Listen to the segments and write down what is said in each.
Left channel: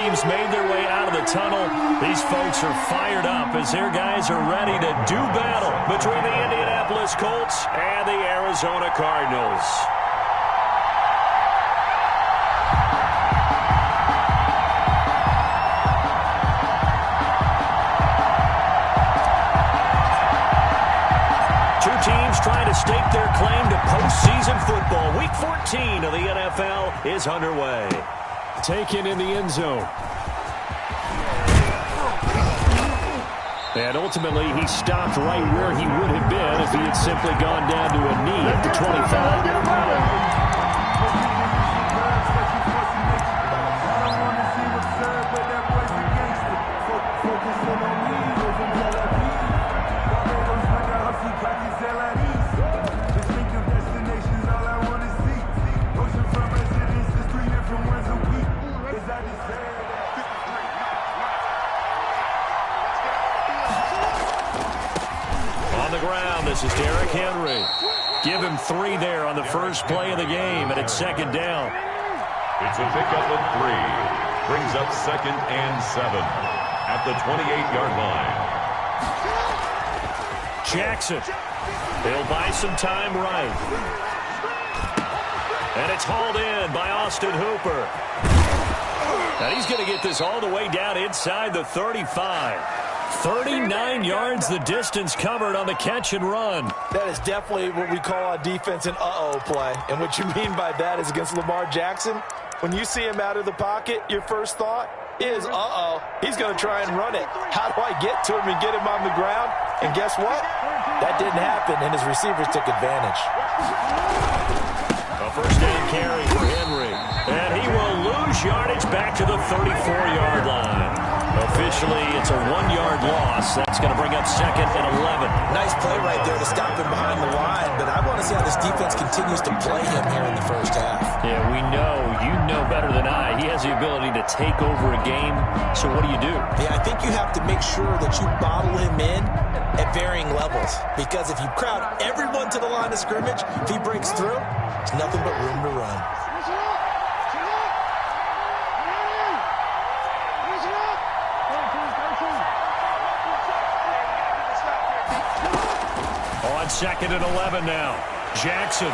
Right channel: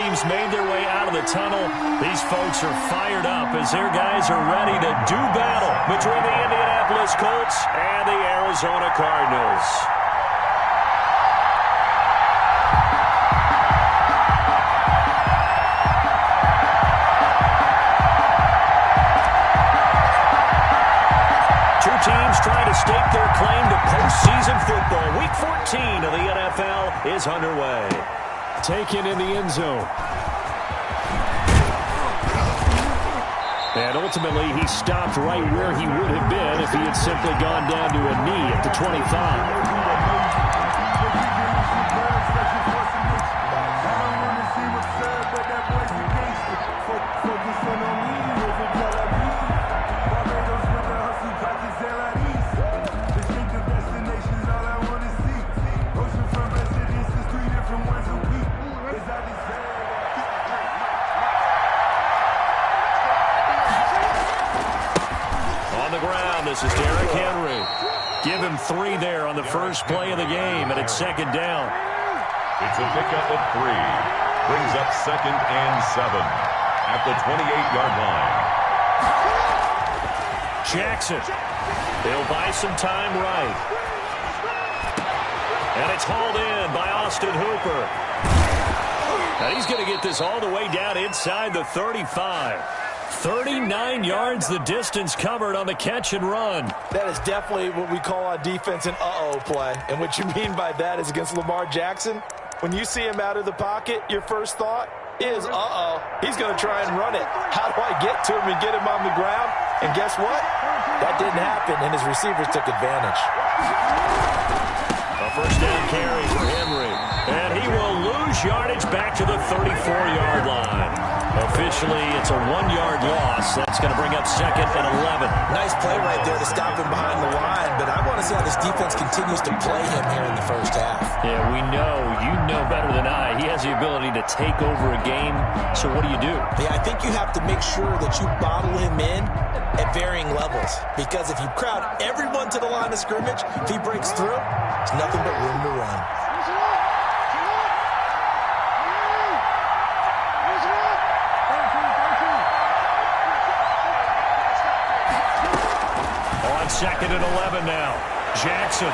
Teams made their way out of the tunnel. These folks are fired up as their guys are ready to do battle between the Indianapolis Colts and the Arizona Cardinals. Two teams trying to stake their claim to postseason football. Week 14 of the NFL is underway. Taken in the end zone. And ultimately, he stopped right where he would have been if he had simply gone down to a knee at the 25. On the ground, this is Derrick Henry. Give him 3 there on the first play of the game, and it's second down. It's a pickup of 3. Brings up 2nd and 7 at the 28-yard line. Jackson. He'll buy some time right. And it's hauled in by Austin Hooper. And he's going to get this all the way down inside the 35. 39 yards the distance covered on the catch and run. That is definitely what we call on defense an uh-oh play. And what you mean by that is against Lamar Jackson, when you see him out of the pocket, your first thought is, uh-oh, he's going to try and run it. How do I get to him and get him on the ground? And guess what? That didn't happen, and his receivers took advantage. A first down carry for Henry. And he will lose yardage back to the 34-yard line. Officially, it's a 1-yard loss. That's going to bring up 2nd and 11. Nice play right there to stop him behind the line, but I want to see how this defense continues to play him here in the first half. Yeah, we know. You know better than I. He has the ability to take over a game. So what do? Yeah, I think you have to make sure that you bottle him in at varying levels, because if you crowd everyone to the line of scrimmage, if he breaks through, there's nothing but room to run. On 2nd and 11 now. Jackson.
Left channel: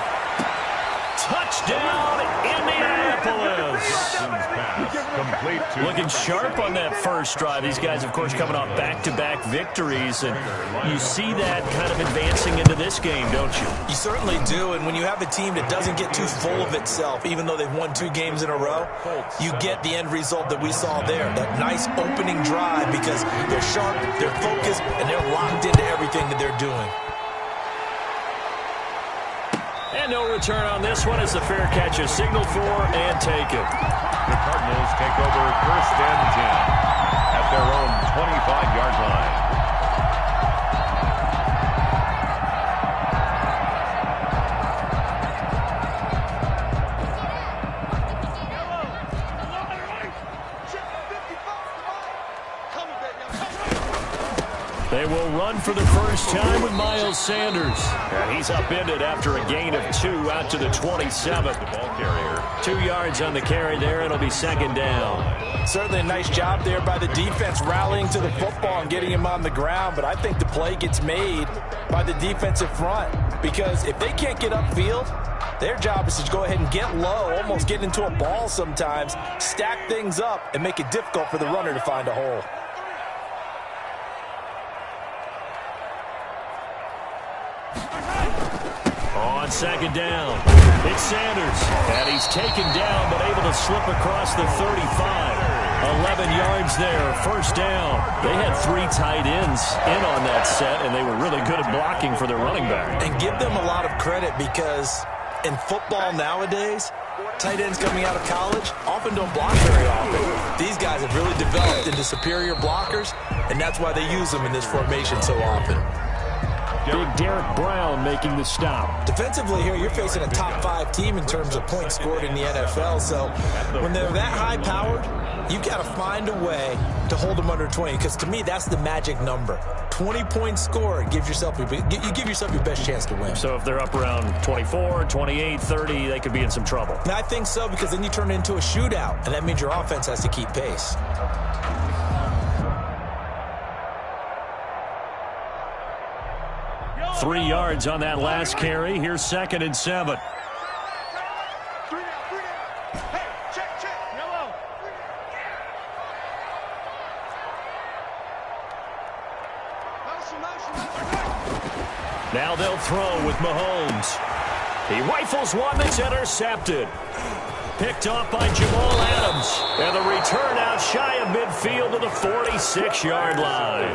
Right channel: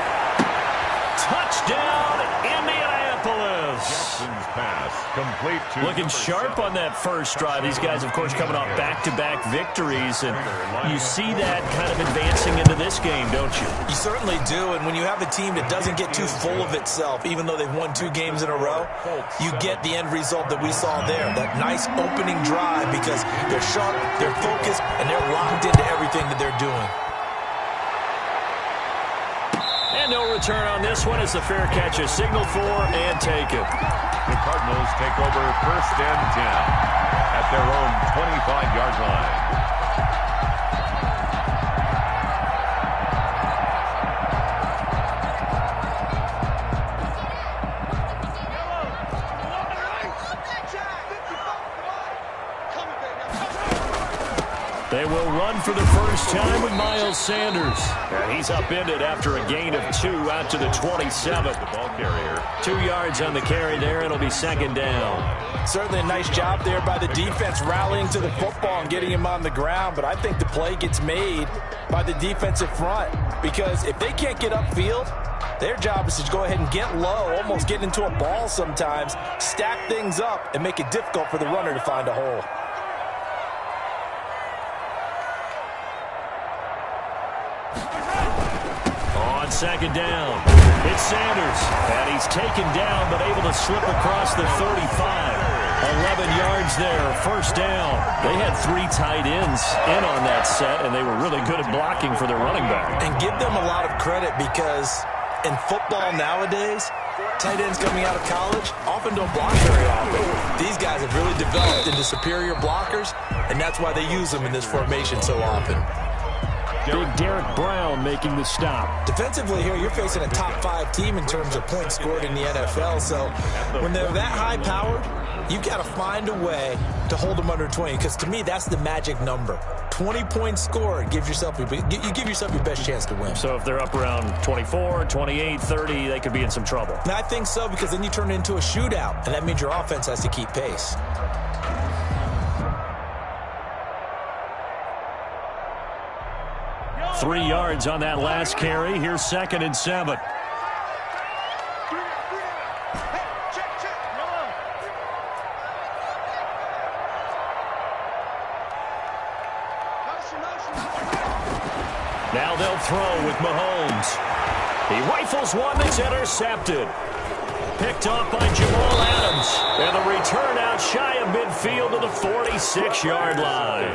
Touchdown, Indianapolis. Jackson's pass complete to looking sharp on that first drive. These guys, of course, coming off back-to-back victories, and you see that kind of advancing into this game, don't you? You certainly do, and when you have a team that doesn't get too full of itself, even though they've won 2 games in a row, you get the end result that we saw there, that nice opening drive, because they're sharp, they're focused, and they're locked into everything that they're doing. And no return on this one as the fair catch is signaled for and taken. The Cardinals take over 1st and 10 at their own 25-yard line. They will run for the first time with Miles Sanders. And he's upended after a gain of 2 out to the 27. The ball carrier. 2 yards on the carry there. It'll be second down. Certainly a nice job there by the defense rallying to the football and getting him on the ground. But I think the play gets made by the defensive front, because if they can't get upfield, their job is to go ahead and get low, almost get into a ball sometimes, stack things up, and make it difficult for the runner to find a hole. On second down, it's Sanders, and he's taken down but able to slip across the 35. 11 yards there, first down. They had 3 tight ends in on that set, and they were really good at blocking for their running back. And give them a lot of credit, because in football nowadays, tight ends coming out of college often don't block very often. These guys have really developed into superior blockers, and that's why they use them in this formation so often. Big Derek Brown making the stop. Defensively here, you're facing a top 5 team in terms of points scored in the NFL. So when they're that high-powered, you've got to find a way to hold them under 20. Because to me, that's the magic number. 20 points scored, you give yourself your best chance to win. So if they're up around 24, 28, 30, they could be in some trouble. And I think so, because then you turn it into a shootout, and that means your offense has to keep pace. Three yards on that last carry. Here's 2nd and 7. Now they'll throw with Mahomes. He rifles one that's intercepted. Picked off by Jamal Adams. And the return out shy of midfield to the 46-yard line.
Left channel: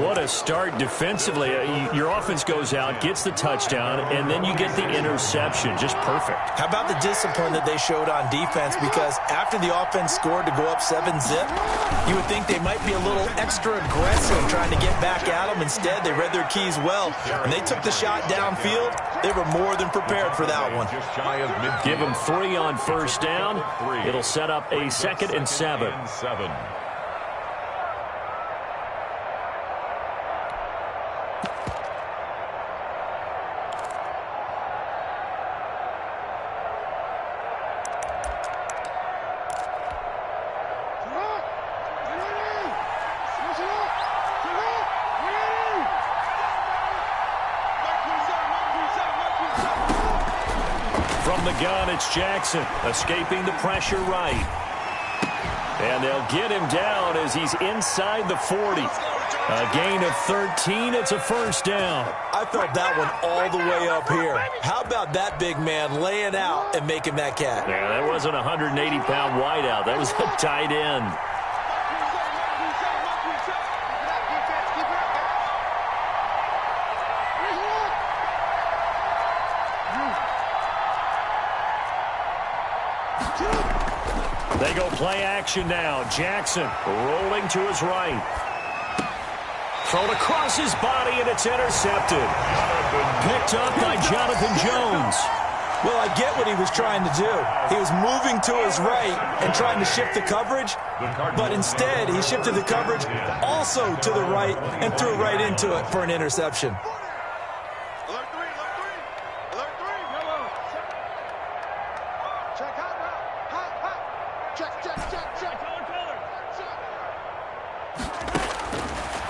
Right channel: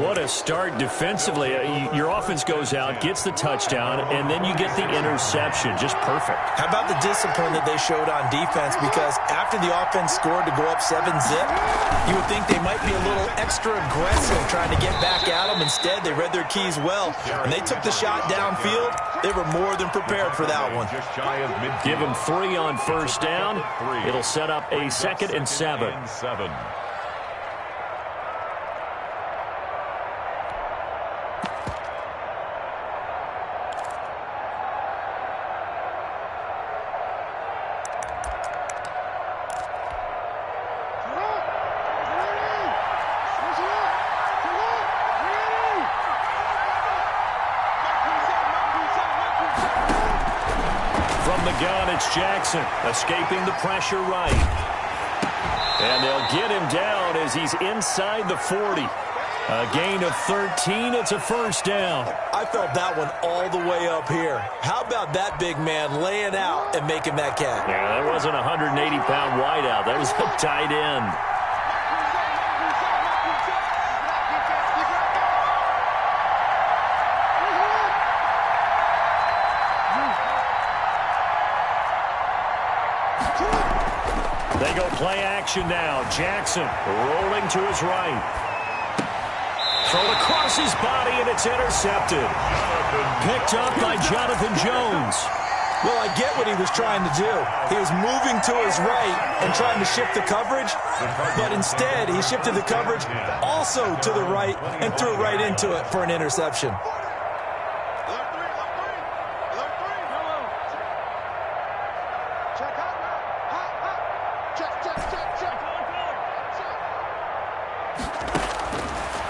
What a start defensively. Your offense goes out, gets the touchdown, and then you get the interception. Just perfect. How about the discipline that they showed on defense? Because after the offense scored to go up 7-zip, you would think they might be a little extra aggressive trying to get back at them. Instead, they read their keys well. When they took the shot downfield, they were more than prepared for that one. Give them 3 on first down. It'll set up a 2nd and 7. From the gun, it's Jackson, escaping the pressure right. And they'll get him down as he's inside the 40. A gain of 13. It's a first down. I felt that one all the way up here. How about that big man laying out and making that catch? Yeah, that wasn't a 180-pound wideout. That was a tight end. They go play action now. Jackson rolling to his right. Thrown across his body, and it's intercepted. Picked up by Jonathan Jones. Well, I get what he was trying to do. He was moving to his right and trying to shift the coverage, but instead he shifted the coverage also to the right and threw right into it for an interception.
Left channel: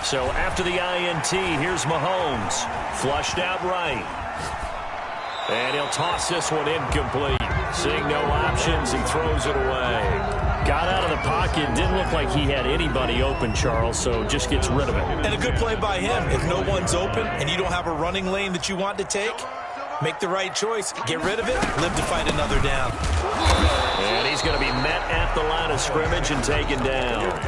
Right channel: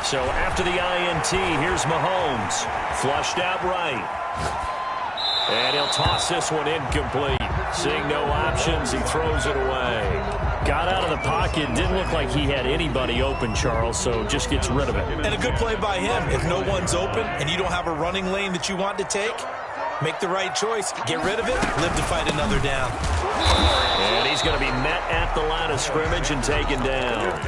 So after the INT, here's Mahomes. Flushed out right. And he'll toss this one incomplete. Seeing no options, he throws it away. Got out of the pocket. Didn't look like he had anybody open, Charles, so just gets rid of it. And a good play by him. If no one's open and you don't have a running lane that you want to take, make the right choice. Get rid of it. Live to fight another down. And he's going to be met at the line of scrimmage and taken down.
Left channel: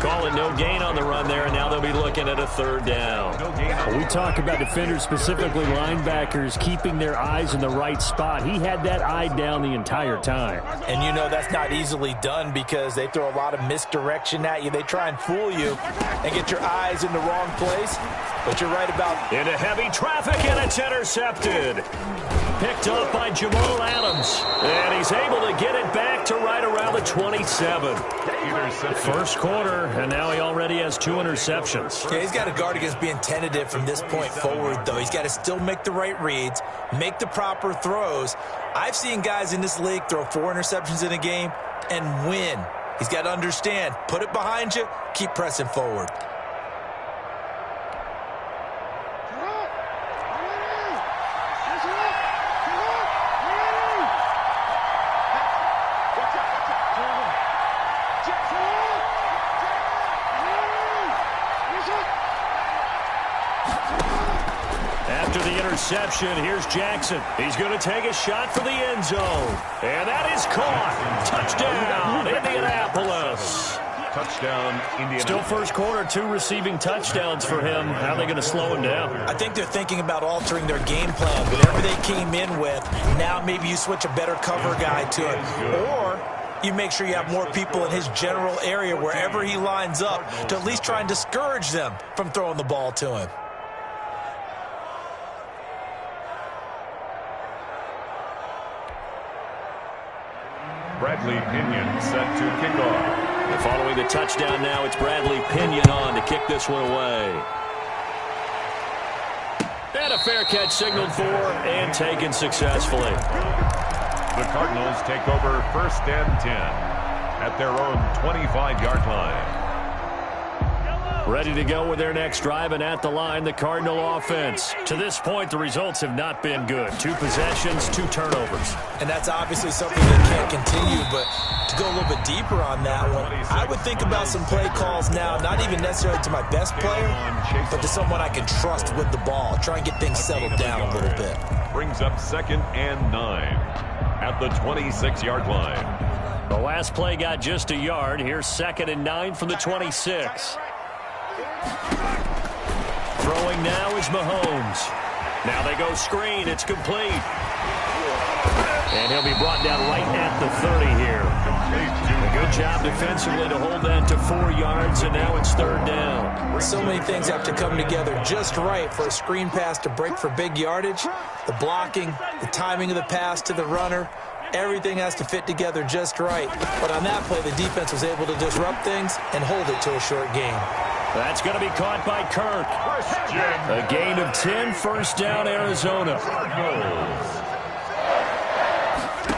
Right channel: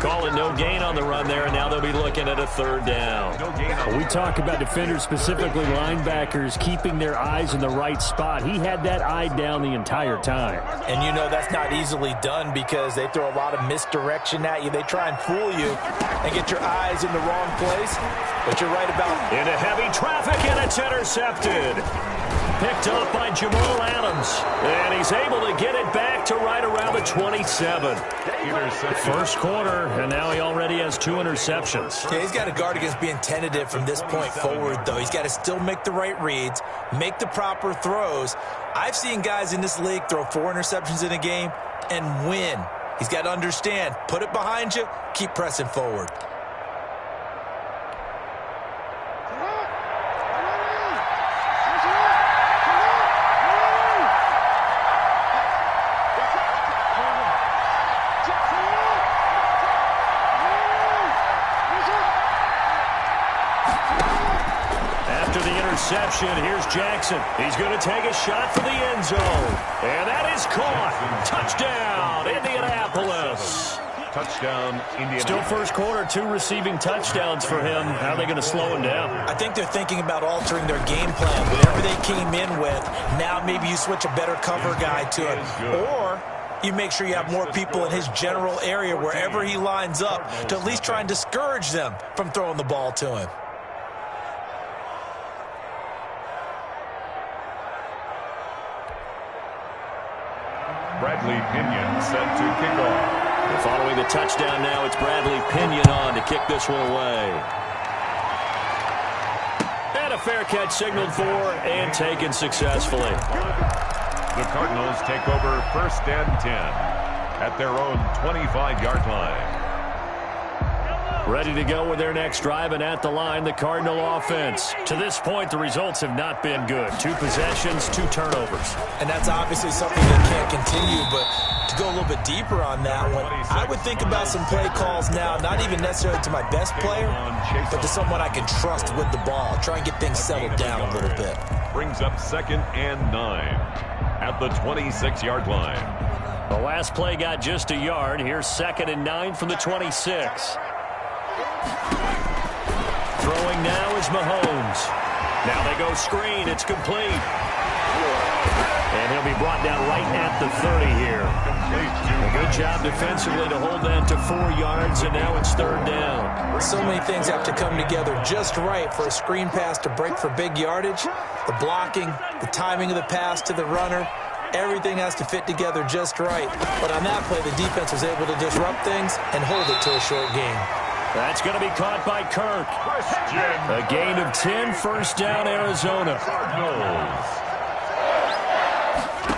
Call it no gain on the run there, and now they'll be looking at a 3rd down. We talk about defenders, specifically linebackers, keeping their eyes in the right spot. He had that eye down the entire time. And you know that's not easily done because they throw a lot of misdirection at you. They try and fool you and get your eyes in the wrong place. But you're right about... Into heavy traffic, and it's intercepted. Picked up by Jamal Adams. And he's able to get it back to right around the 27. First quarter, and now he already has 2 interceptions. Yeah, he's got to guard against being tentative from this point forward, though. He's got to still make the right reads, make the proper throws. I've seen guys in this league throw 4 interceptions in a game and win. He's got to understand, put it behind you, keep pressing forward. After the interception, here's Jackson. He's going to take a shot for the end zone. And that is caught. Touchdown, Indianapolis. Touchdown, Indianapolis. Still first quarter, 2 receiving touchdowns for him. How are they going to slow him down? I think they're thinking about altering their game plan. Whatever they came in with, now maybe you switch a better cover guy to it. Or you make sure you have more people in his general area wherever he lines up to at least try and discourage them from throwing the ball to him. Bradley Pinion set to kick off. And following the touchdown now, it's Bradley Pinion on to kick this one away. And a fair catch signaled for and taken successfully. The Cardinals take over 1st and 10 at their own 25-yard line. Ready to go with their next drive, and at the line, the Cardinal offense. To this point, the results have not been good. 2 possessions, 2 turnovers. And that's obviously something that can't continue, but to go a little bit deeper on that one, I would think about some play calls now, not even necessarily to my best player, but to someone I can trust with the ball. Try and get things settled down a little bit. Brings up 2nd and 9 at the 26-yard line. The last play got just a yard. Here's 2nd and 9 from the 26. Throwing now is Mahomes. Now they go screen. It's complete. And he'll be brought down right at the 30 here. A good job defensively to hold that to 4 yards, and now it's 3rd down. So many things have to come together just right for a screen pass to break for big yardage. The blocking, the timing of the pass to the runner, everything has to fit together just right. But on that play, the defense was able to disrupt things and hold it to a short game. That's going to be caught by Kirk. A gain of 10, 1st down, Arizona. Cardinals.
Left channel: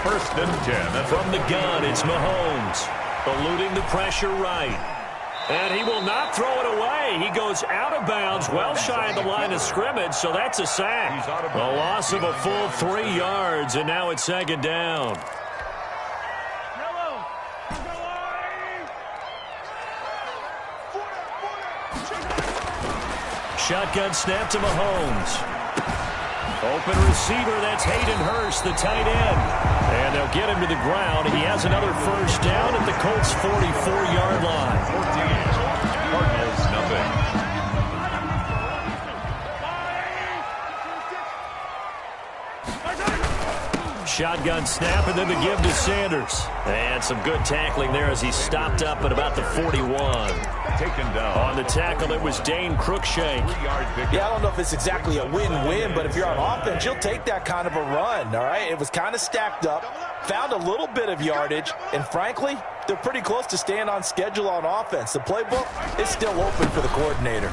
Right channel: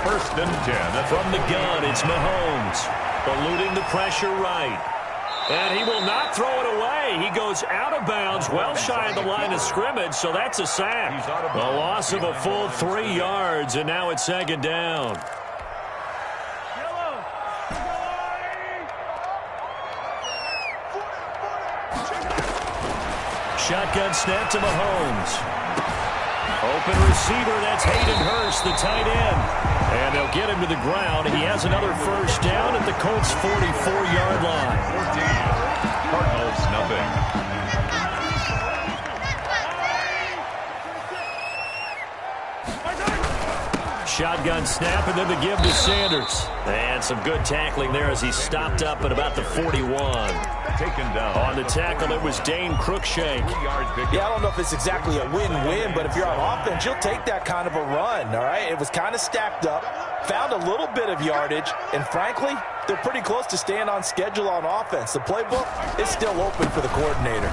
1st and 10. From the gun, it's Mahomes. Eluding the pressure right. And he will not throw it away. He goes out of bounds, well shy of the line of scrimmage, so that's a sack. A loss of a full 3 yards, and now it's 2nd down. Shotgun snap to Mahomes. Open receiver, that's Hayden Hurst, the tight end. And they'll get him to the ground. He has another 1st down at the Colts' 44-yard line. 14. Cardinals, nothing. Shotgun snap, and then the give to Sanders. And some good tackling there as he stopped up at about the 41. Taken down. On the tackle, it was Dane Cruikshank. Yeah, I don't know if it's exactly a win-win, but if you're on offense, you'll take that kind of a run, all right? It was kind of stacked up, found a little bit of yardage, and frankly, they're pretty close to staying on schedule on offense. The playbook is still open for the coordinator.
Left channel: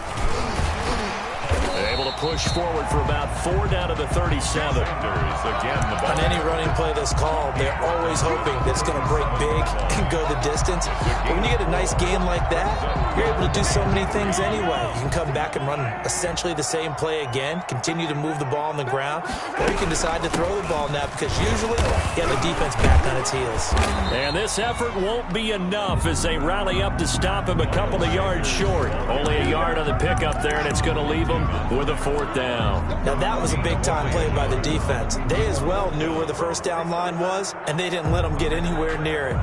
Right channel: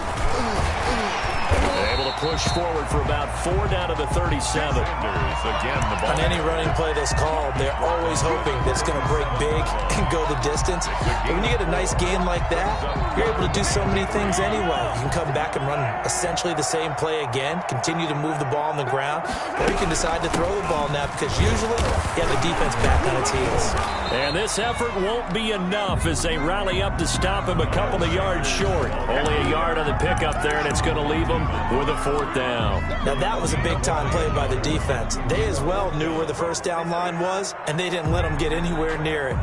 Able to push forward for about 4 down to the 37. Again, the ball. On any running play that's called, they're always hoping that it's going to break big and go the distance. But when you get a nice gain like that, you're able to do so many things anyway. You can come back and run essentially the same play again, continue to move the ball on the ground, or you can decide to throw the ball now because usually you have the defense back on its heels. And this effort won't be enough as they rally up to stop him a couple of yards short. Only a yard on the pickup there, and it's going to leave him with a 4th down. Now that was a big-time play by the defense. They as well knew where the 1st down line was, and they didn't let them get anywhere near it.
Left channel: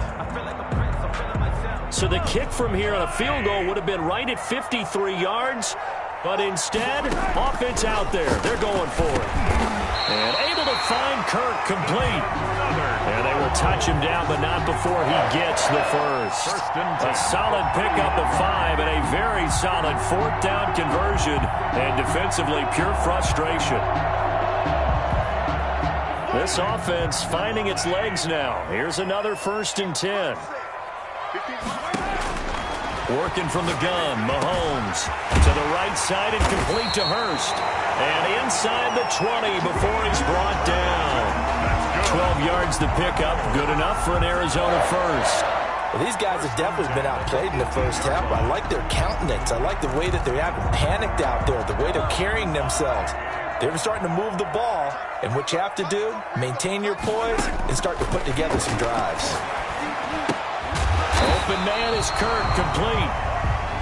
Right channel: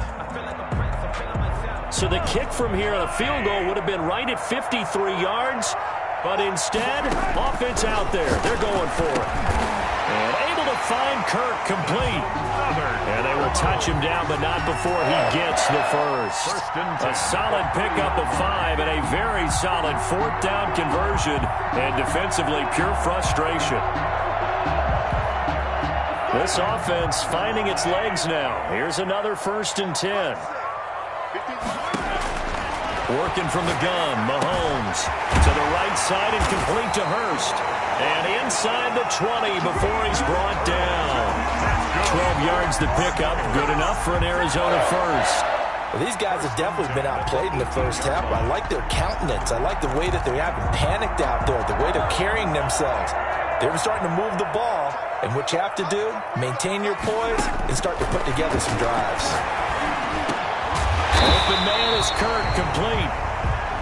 So the kick from here on a field goal would have been right at 53 yards, but instead, offense out there. They're going for it. And able to find Kirk complete. And they will touch him down, but not before he gets the first. A solid pickup of 5 and a very solid 4th down conversion. And defensively, pure frustration. This offense finding its legs now. Here's another 1st and 10. Working from the gun, Mahomes to the right side and complete to Hurst. And inside the 20 before he's brought down. 12 yards to pick up. Good enough for an Arizona 1st. Well, these guys have definitely been outplayed in the 1st half. I like their countenance. I like the way that they haven't panicked out there, the way they're carrying themselves. They're starting to move the ball, and what you have to do, maintain your poise and start to put together some drives. Open man is Kirk, complete.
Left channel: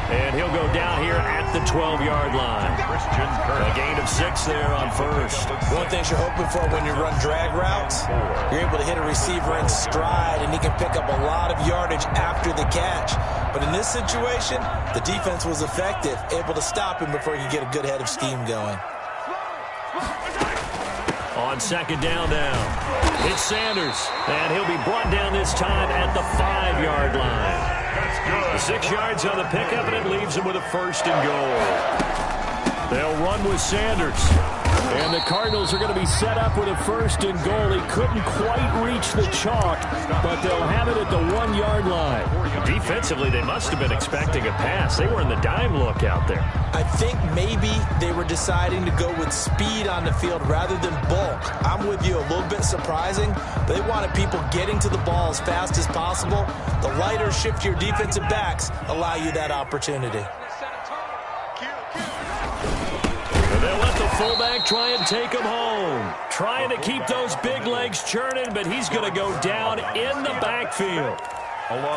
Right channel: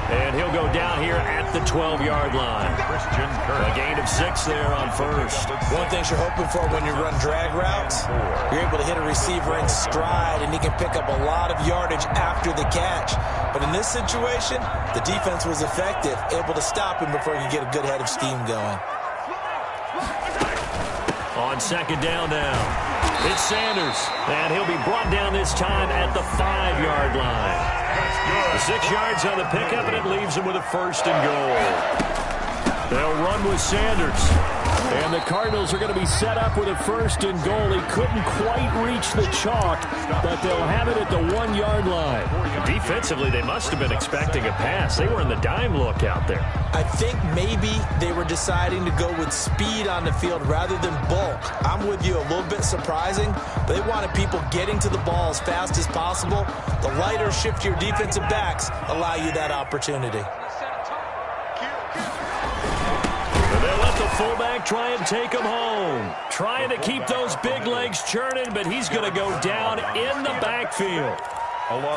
And he'll go down here at the 12-yard line. Christian Kirk. A gain of 6 there on 1st. One thing you're hoping for when you run drag routes, you're able to hit a receiver in stride, and he can pick up a lot of yardage after the catch. But in this situation, the defense was effective, able to stop him before you get a good head of steam going. On 2nd down now, it's Sanders, and he'll be brought down this time at the 5-yard line. 6 yards on the pickup, and it leaves him with a 1st and goal. They'll run with Sanders. And the Cardinals are going to be set up with a 1st and goal. He couldn't quite reach the chalk, but they'll have it at the 1-yard line. Defensively, they must have been expecting a pass. They were in the dime look out there. I think maybe they were deciding to go with speed on the field rather than bulk. I'm with you, a little bit surprising. They wanted people getting to the ball as fast as possible. The lighter, shiftier defensive backs allow you that opportunity. They'll let the fullback try and take him home. Trying to keep those big legs churning, but he's going to go down in the backfield.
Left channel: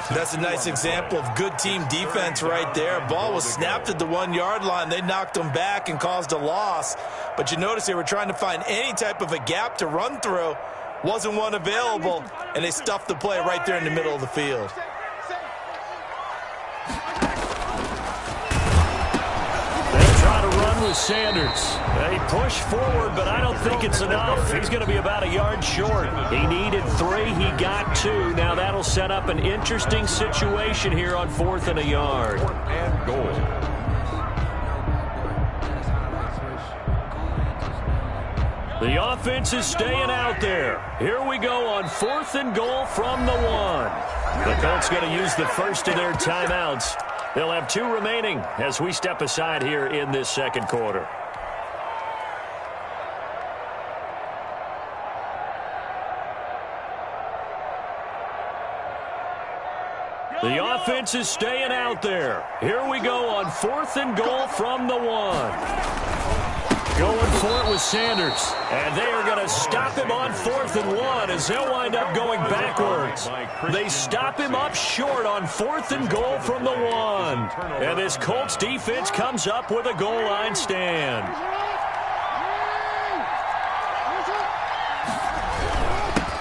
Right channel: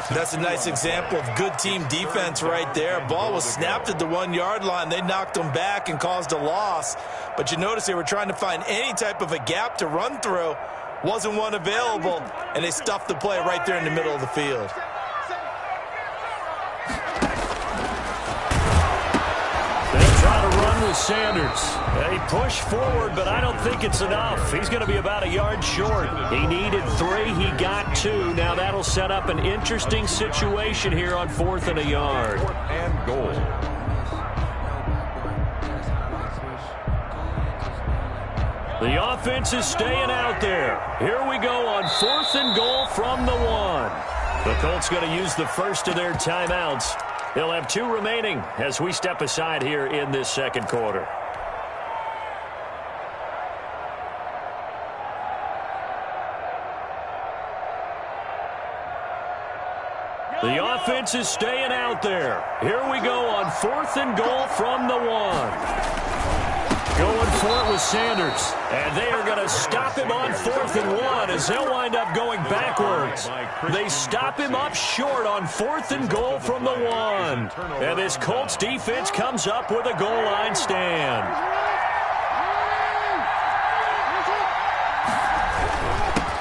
That's a nice example of good team defense right there. Ball was snapped at the 1-yard line. They knocked him back and caused a loss. But you notice they were trying to find any type of a gap to run through. Wasn't one available, and they stuffed the play right there in the middle of the field. Try to run with Sanders. They push forward, but I don't think it's enough. He's going to be about a yard short. He needed 3. He got 2. Now that'll set up an interesting situation here on 4th and a yard. 4th and goal. The offense is staying out there. Here we go on 4th and goal from the 1. The Colts going to use the first of their timeouts. They'll have 2 remaining as we step aside here in this 2nd quarter. The offense is staying out there. Here we go on 4th and goal from the 1. Going for it with Sanders. And they are going to stop him on 4th and 1 as they'll wind up going backwards. They stop him up short on 4th and goal from the 1. And this Colts defense comes up with a goal line stand.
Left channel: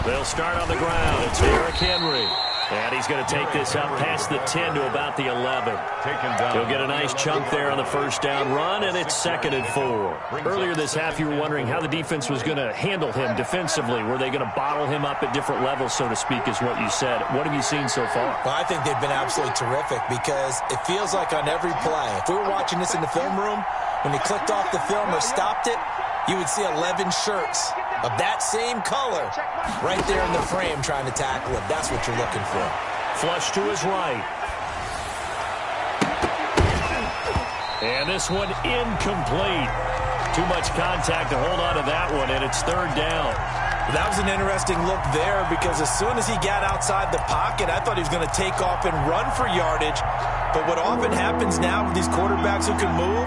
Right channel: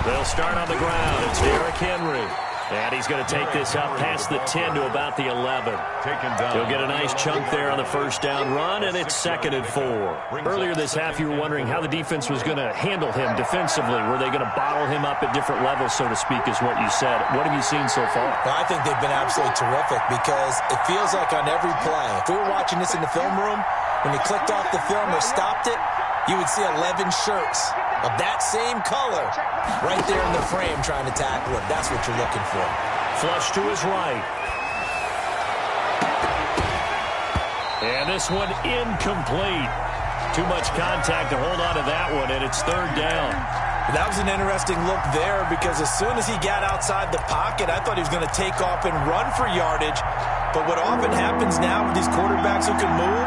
They'll start on the ground. It's Derrick Henry. And he's going to take this up past the 10 to about the 11. He'll get a nice chunk there on the 1st down run, and it's 2nd and 4. Earlier this half, you were wondering how the defense was going to handle him defensively. Were they going to bottle him up at different levels, so to speak, is what you said. What have you seen so far? Well, I think they've been absolutely terrific because it feels like on every play, if we were watching this in the film room, when he clicked off the film or stopped it, you would see 11 shirts of that same color right there in the frame trying to tackle it. That's what you're looking for. Flush to his right. And this one incomplete. Too much contact to hold on to that one, and it's 3rd down. That was an interesting look there because as soon as he got outside the pocket, I thought he was going to take off and run for yardage. But what often happens now with these quarterbacks who can move,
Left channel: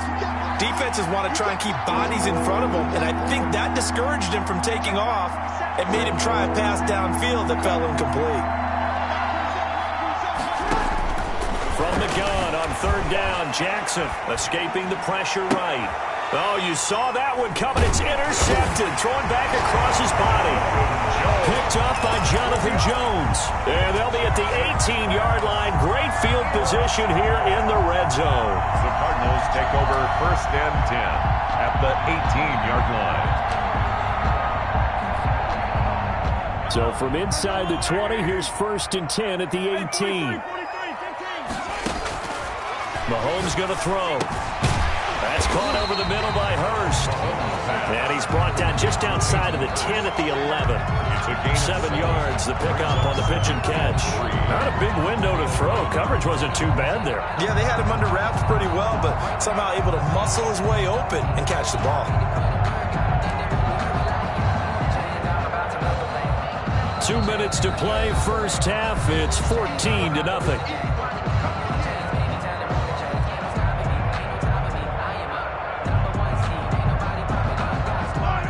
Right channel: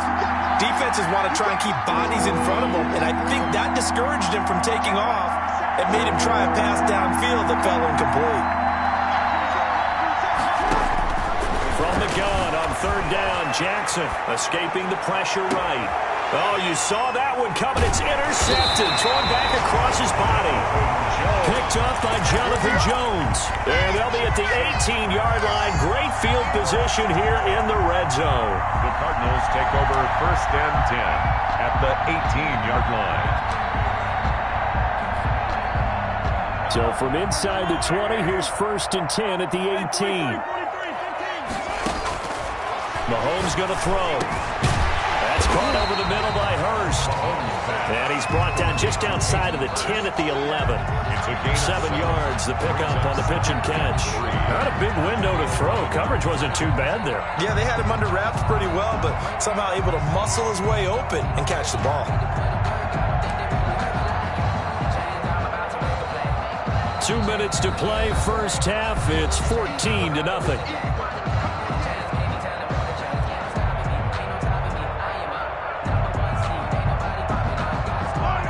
defenses want to try and keep bodies in front of them, and I think that discouraged him from taking off and made him try a pass downfield that fell incomplete. From the gun on 3rd down, Jackson escaping the pressure right. Oh, you saw that one coming. It's intercepted. Thrown back across his body. Picked up by Jonathan Jones. And they'll be at the 18-yard line. Great field position here in the red zone. The Cardinals take over 1st and 10 at the 18-yard line. So from inside the 20, here's 1st and 10 at the 18. Mahomes going to throw. That's caught over the middle by Hurst. And he's brought down just outside of the 10 at the 11. 7 yards, the pickup on the pitch and catch. Not a big window to throw. Coverage wasn't too bad there. Yeah, they had him under wraps pretty well, but somehow able to muscle his way open and catch the ball. 2 minutes to play, 1st half. It's 14-0.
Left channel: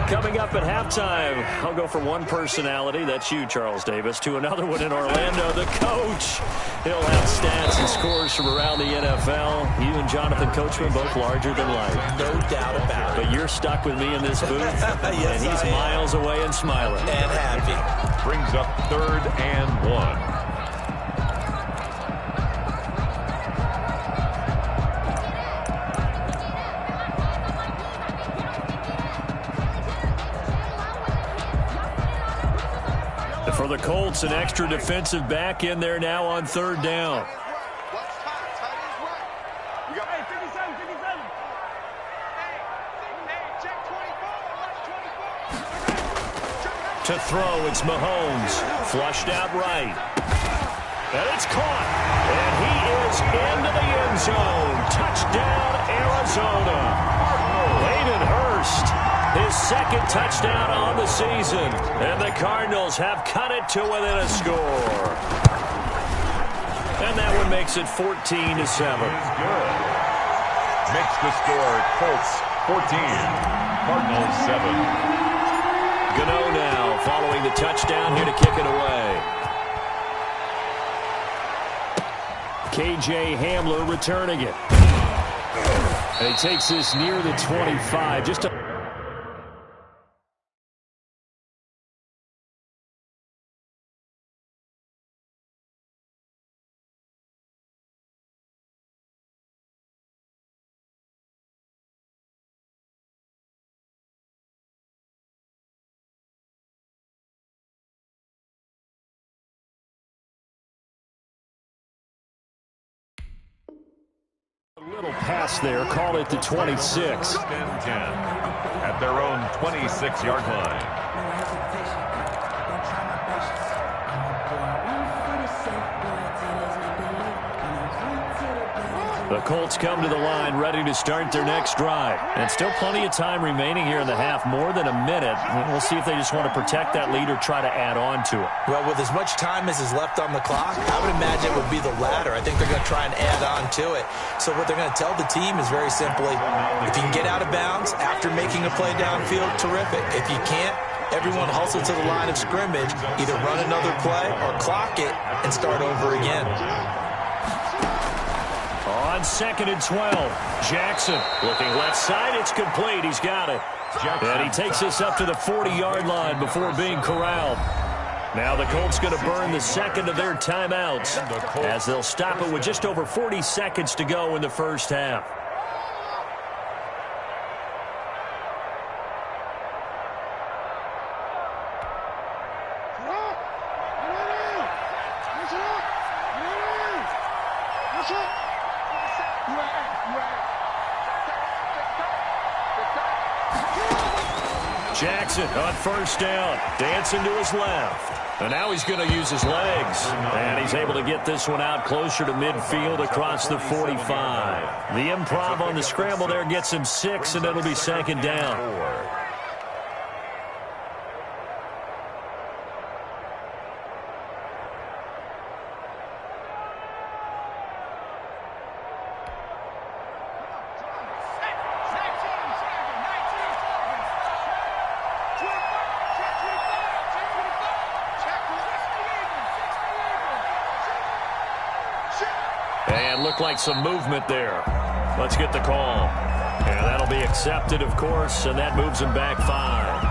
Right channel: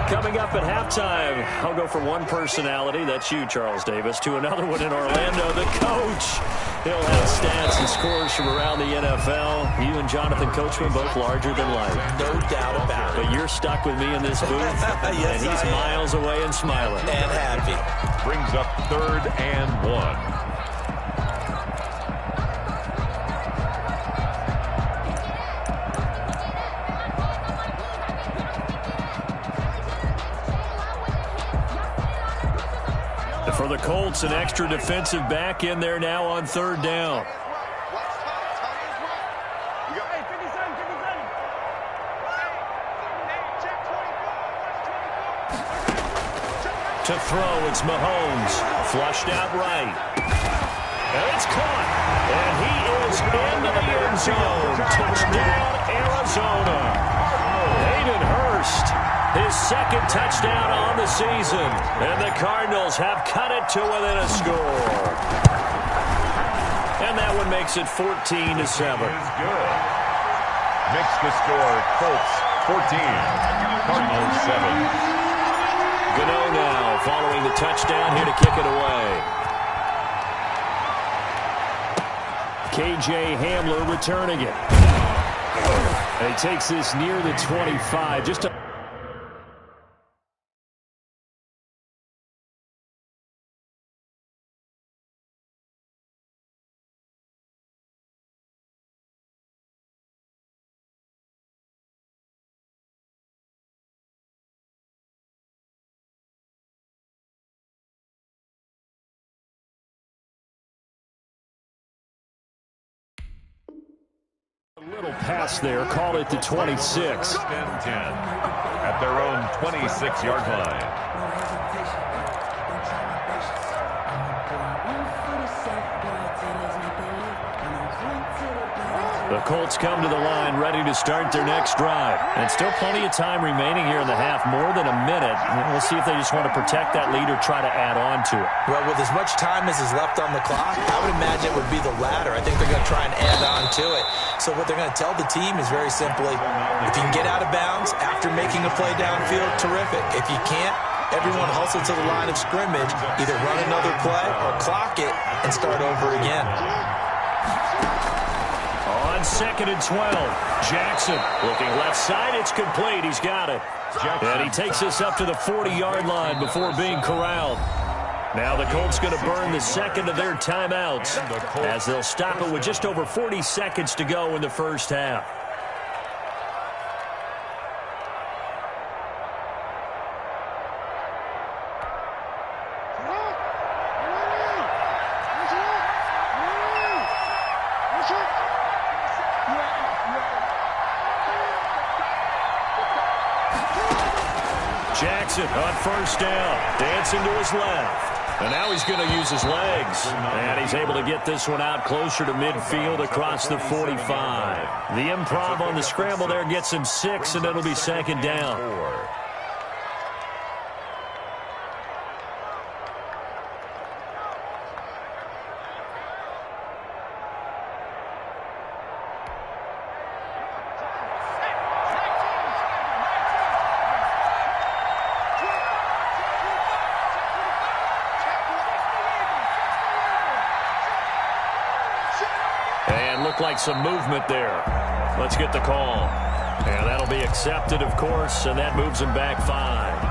Coming up at halftime, I'll go from one personality, that's you, Charles Davis, to another one in Orlando, the coach. He'll have stats and scores from around the NFL. You and Jonathan Coachman, both larger than life. No doubt about it. But you're stuck with me in this booth, yes, and he's miles away and smiling. And happy. Brings up 3rd and 1. For the Colts, an extra defensive back in there now on 3rd down. To throw, it's Mahomes. Flushed out right. And it's caught. And he is into the end zone. Touchdown, Arizona. Hayden Hurst, his second touchdown on the season. And the Cardinals have cut it to within a score. And that one makes it 14-7. Is good. Makes the score Colts 14, Cardinals 7. Gano now following the touchdown here to kick it away. KJ Hamler returning it. And he takes this near the 25. Just a little pass there. Call it the 26. 10 at their own 26-yard line. The Colts come to the line ready to start their next drive. And still plenty of time remaining here in the half, more than a minute. We'll see if they just want to protect that lead or try to add on to it. Well, with as much time as is left on the clock, I would imagine it would be the latter. I think they're going to try and add on to it. So what they're going to tell the team is very simply, if you can get out of bounds after making a play downfield, terrific. If you can't, everyone hustle to the line of scrimmage, either run another play or clock it and start over again. On 2nd and 12, Jackson looking left side. It's complete. He's got it. And he takes this up to the 40-yard line before being corralled. Now the Colts going to burn the second of their timeouts as they'll stop it with just over 40 seconds to go in the first half. Jackson on first down, dancing to his left. And now he's going to use his legs. And he's able to get this one out closer to midfield across the 45. The improv on the scramble there gets him 6, and it'll be second down. And looked like some movement there. Let's get the call. And that'll be accepted, of course, and that moves him back 5.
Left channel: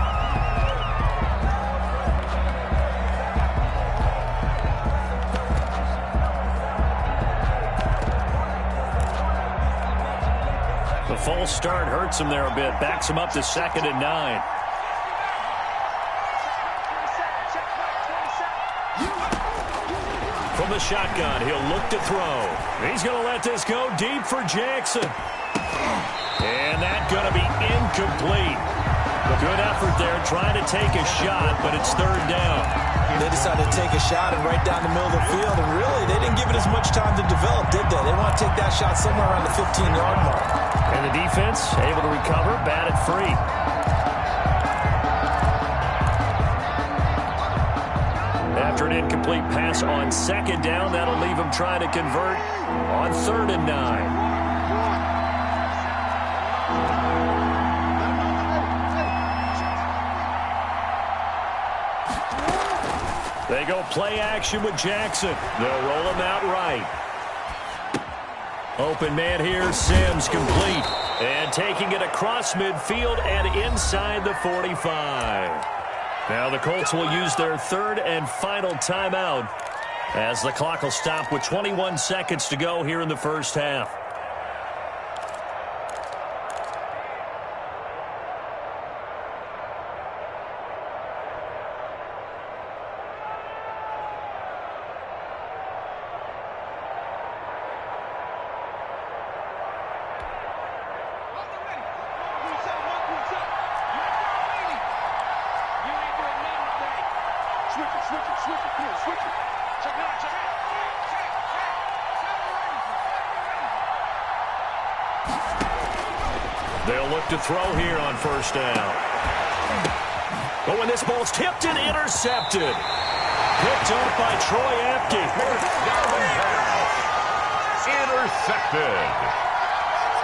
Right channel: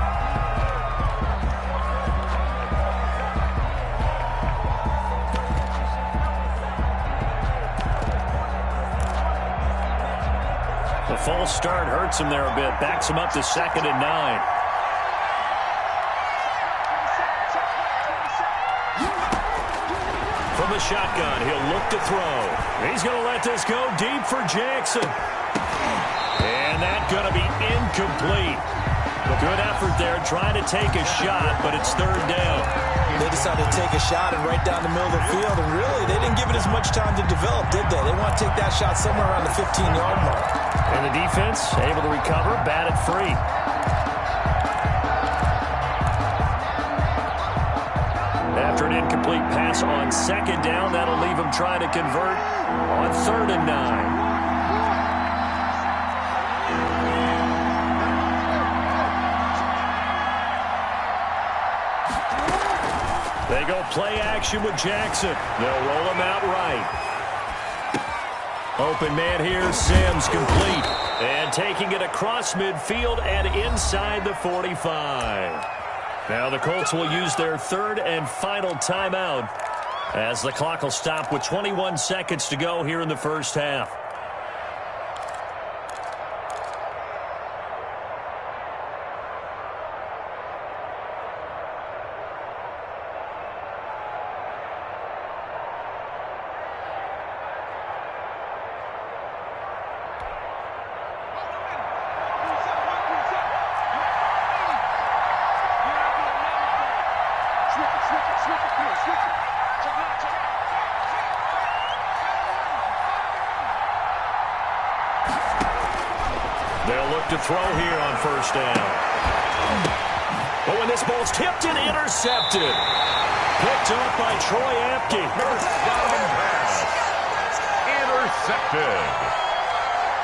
The false start hurts him there a bit. Backs him up to 2nd and 9. From the shotgun, he'll look to throw. He's going to let this go deep for Jackson. And that's going to be incomplete. Good effort there, trying to take a shot, but it's 3rd down. They decided to take a shot and right down the middle of the field, and really, they didn't give it as much time to develop, did they? They want to take that shot somewhere around the 15-yard mark. And the defense able to recover, batted free. After an incomplete pass on 2nd down, that'll leave him trying to convert on 3rd and 9. They go play action with Jackson. They'll roll him out right. Open man here, Sims complete. And taking it across midfield and inside the 45. Now the Colts will use their 3rd and final timeout as the clock will stop with 21 seconds to go here in the first half. They'll look to throw here on first down. But when this ball's tipped and intercepted. Picked up by Troy Apke. Down and pass. Intercepted.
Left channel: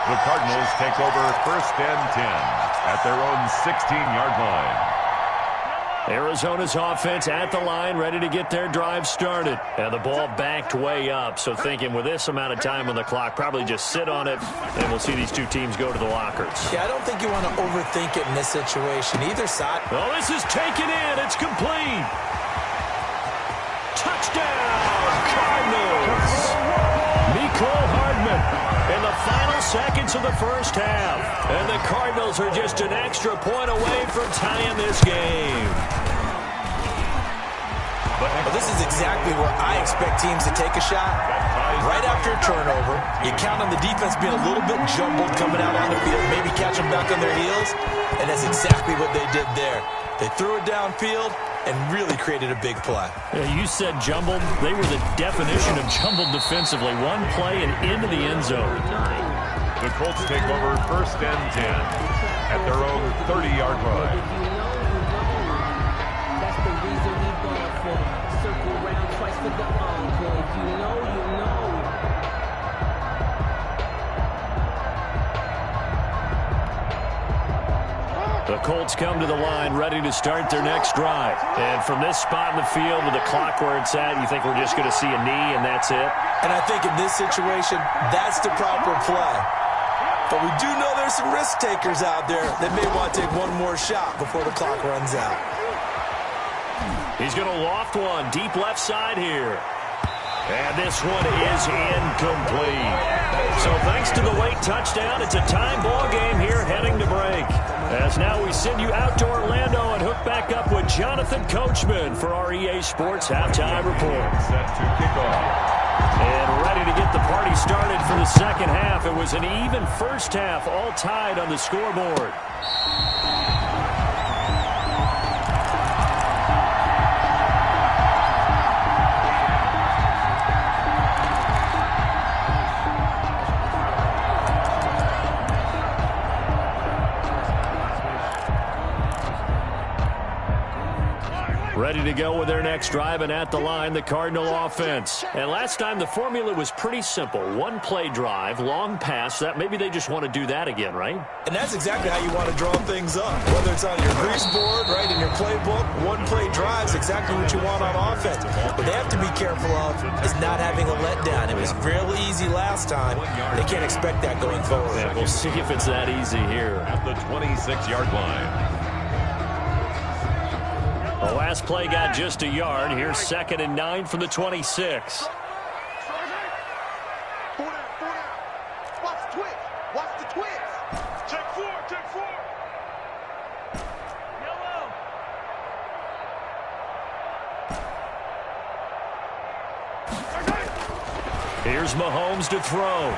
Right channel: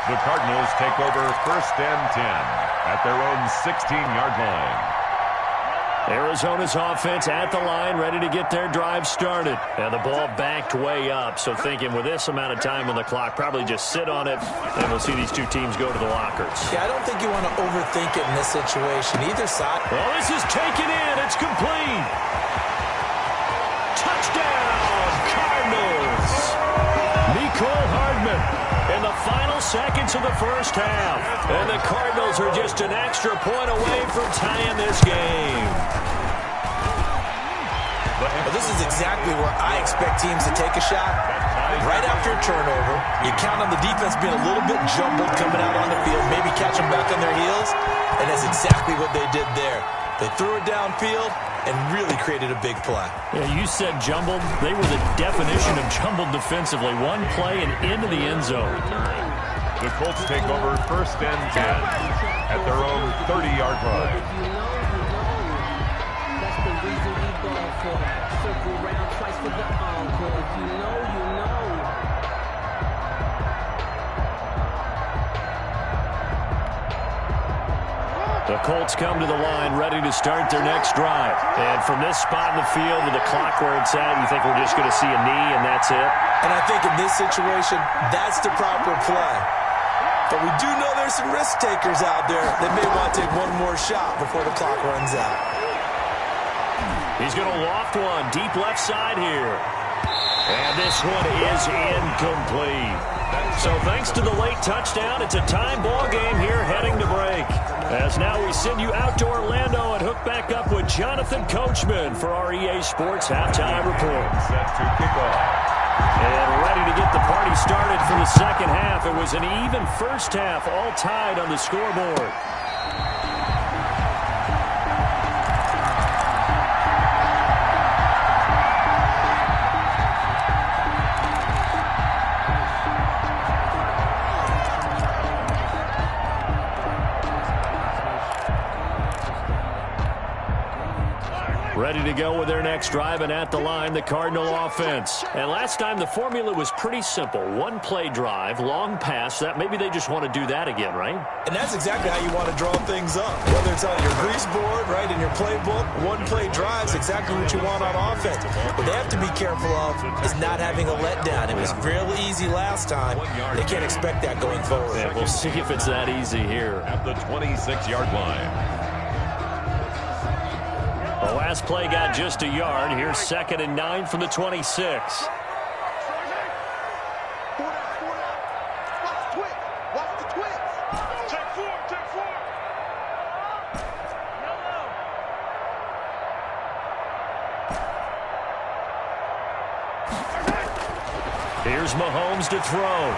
The Cardinals take over first and 10 at their own 16-yard line. Arizona's offense at the line, ready to get their drive started. And the ball backed way up, so thinking with this amount of time on the clock, probably just sit on it, and we'll see these two teams go to the lockers. Yeah, I don't think you want to overthink it in this situation. Either side. Oh, this is taken in. It's complete. Touchdown, Cardinals. Mecole Hardman in the final seconds of the first half. And the Cardinals are just an extra point away from tying this game. Well, this is exactly where I expect teams to take a shot. Right after a turnover, you count on the defense being a little bit jumbled coming out on the field, maybe catch them back on their heels, and that's exactly what they did there. They threw it downfield and really created a big play. Yeah, you said jumbled. They were the definition of jumbled defensively. One play and into the end zone. The Colts take over first and 10 at their own 30-yard line. That's the reason we ball for. Circle round twice for the encore. If you know, you know. The Colts come to the line, ready to start their next drive. And from this spot in the field with the clock where it's at, you think we're just going to see a knee and that's it? And I think in this situation, that's the proper play. But we do know there's some risk takers out there that may want to take one more shot before the clock runs out. He's going to loft one deep left side here. And this one is incomplete. So thanks to the late touchdown, it's a time ball game here heading to break. As now we send you out to Orlando and hook back up with Jonathan Coachman for our EA Sports Halftime Report. Set to kick off. And ready to get the party started for the second half. It was an even first half, all tied on the scoreboard. Ready to go with their next drive, and at the line, the Cardinal offense. And last time, the formula was pretty simple. One play drive, long pass. That maybe they just want to do that again, right? And that's exactly how you want to draw things up. Whether it's on your grease board, right, in your playbook, one play drive is exactly what you want on offense. What they have to be careful of is not having a letdown. It was real easy last time. They can't expect that going forward. Yeah, we'll see if it's that easy here. At the 26-yard line. The last play got just a yard. Here's 2nd and 9 from the 26. Watch the twist. Take four. Yellow. Here's Mahomes to throw.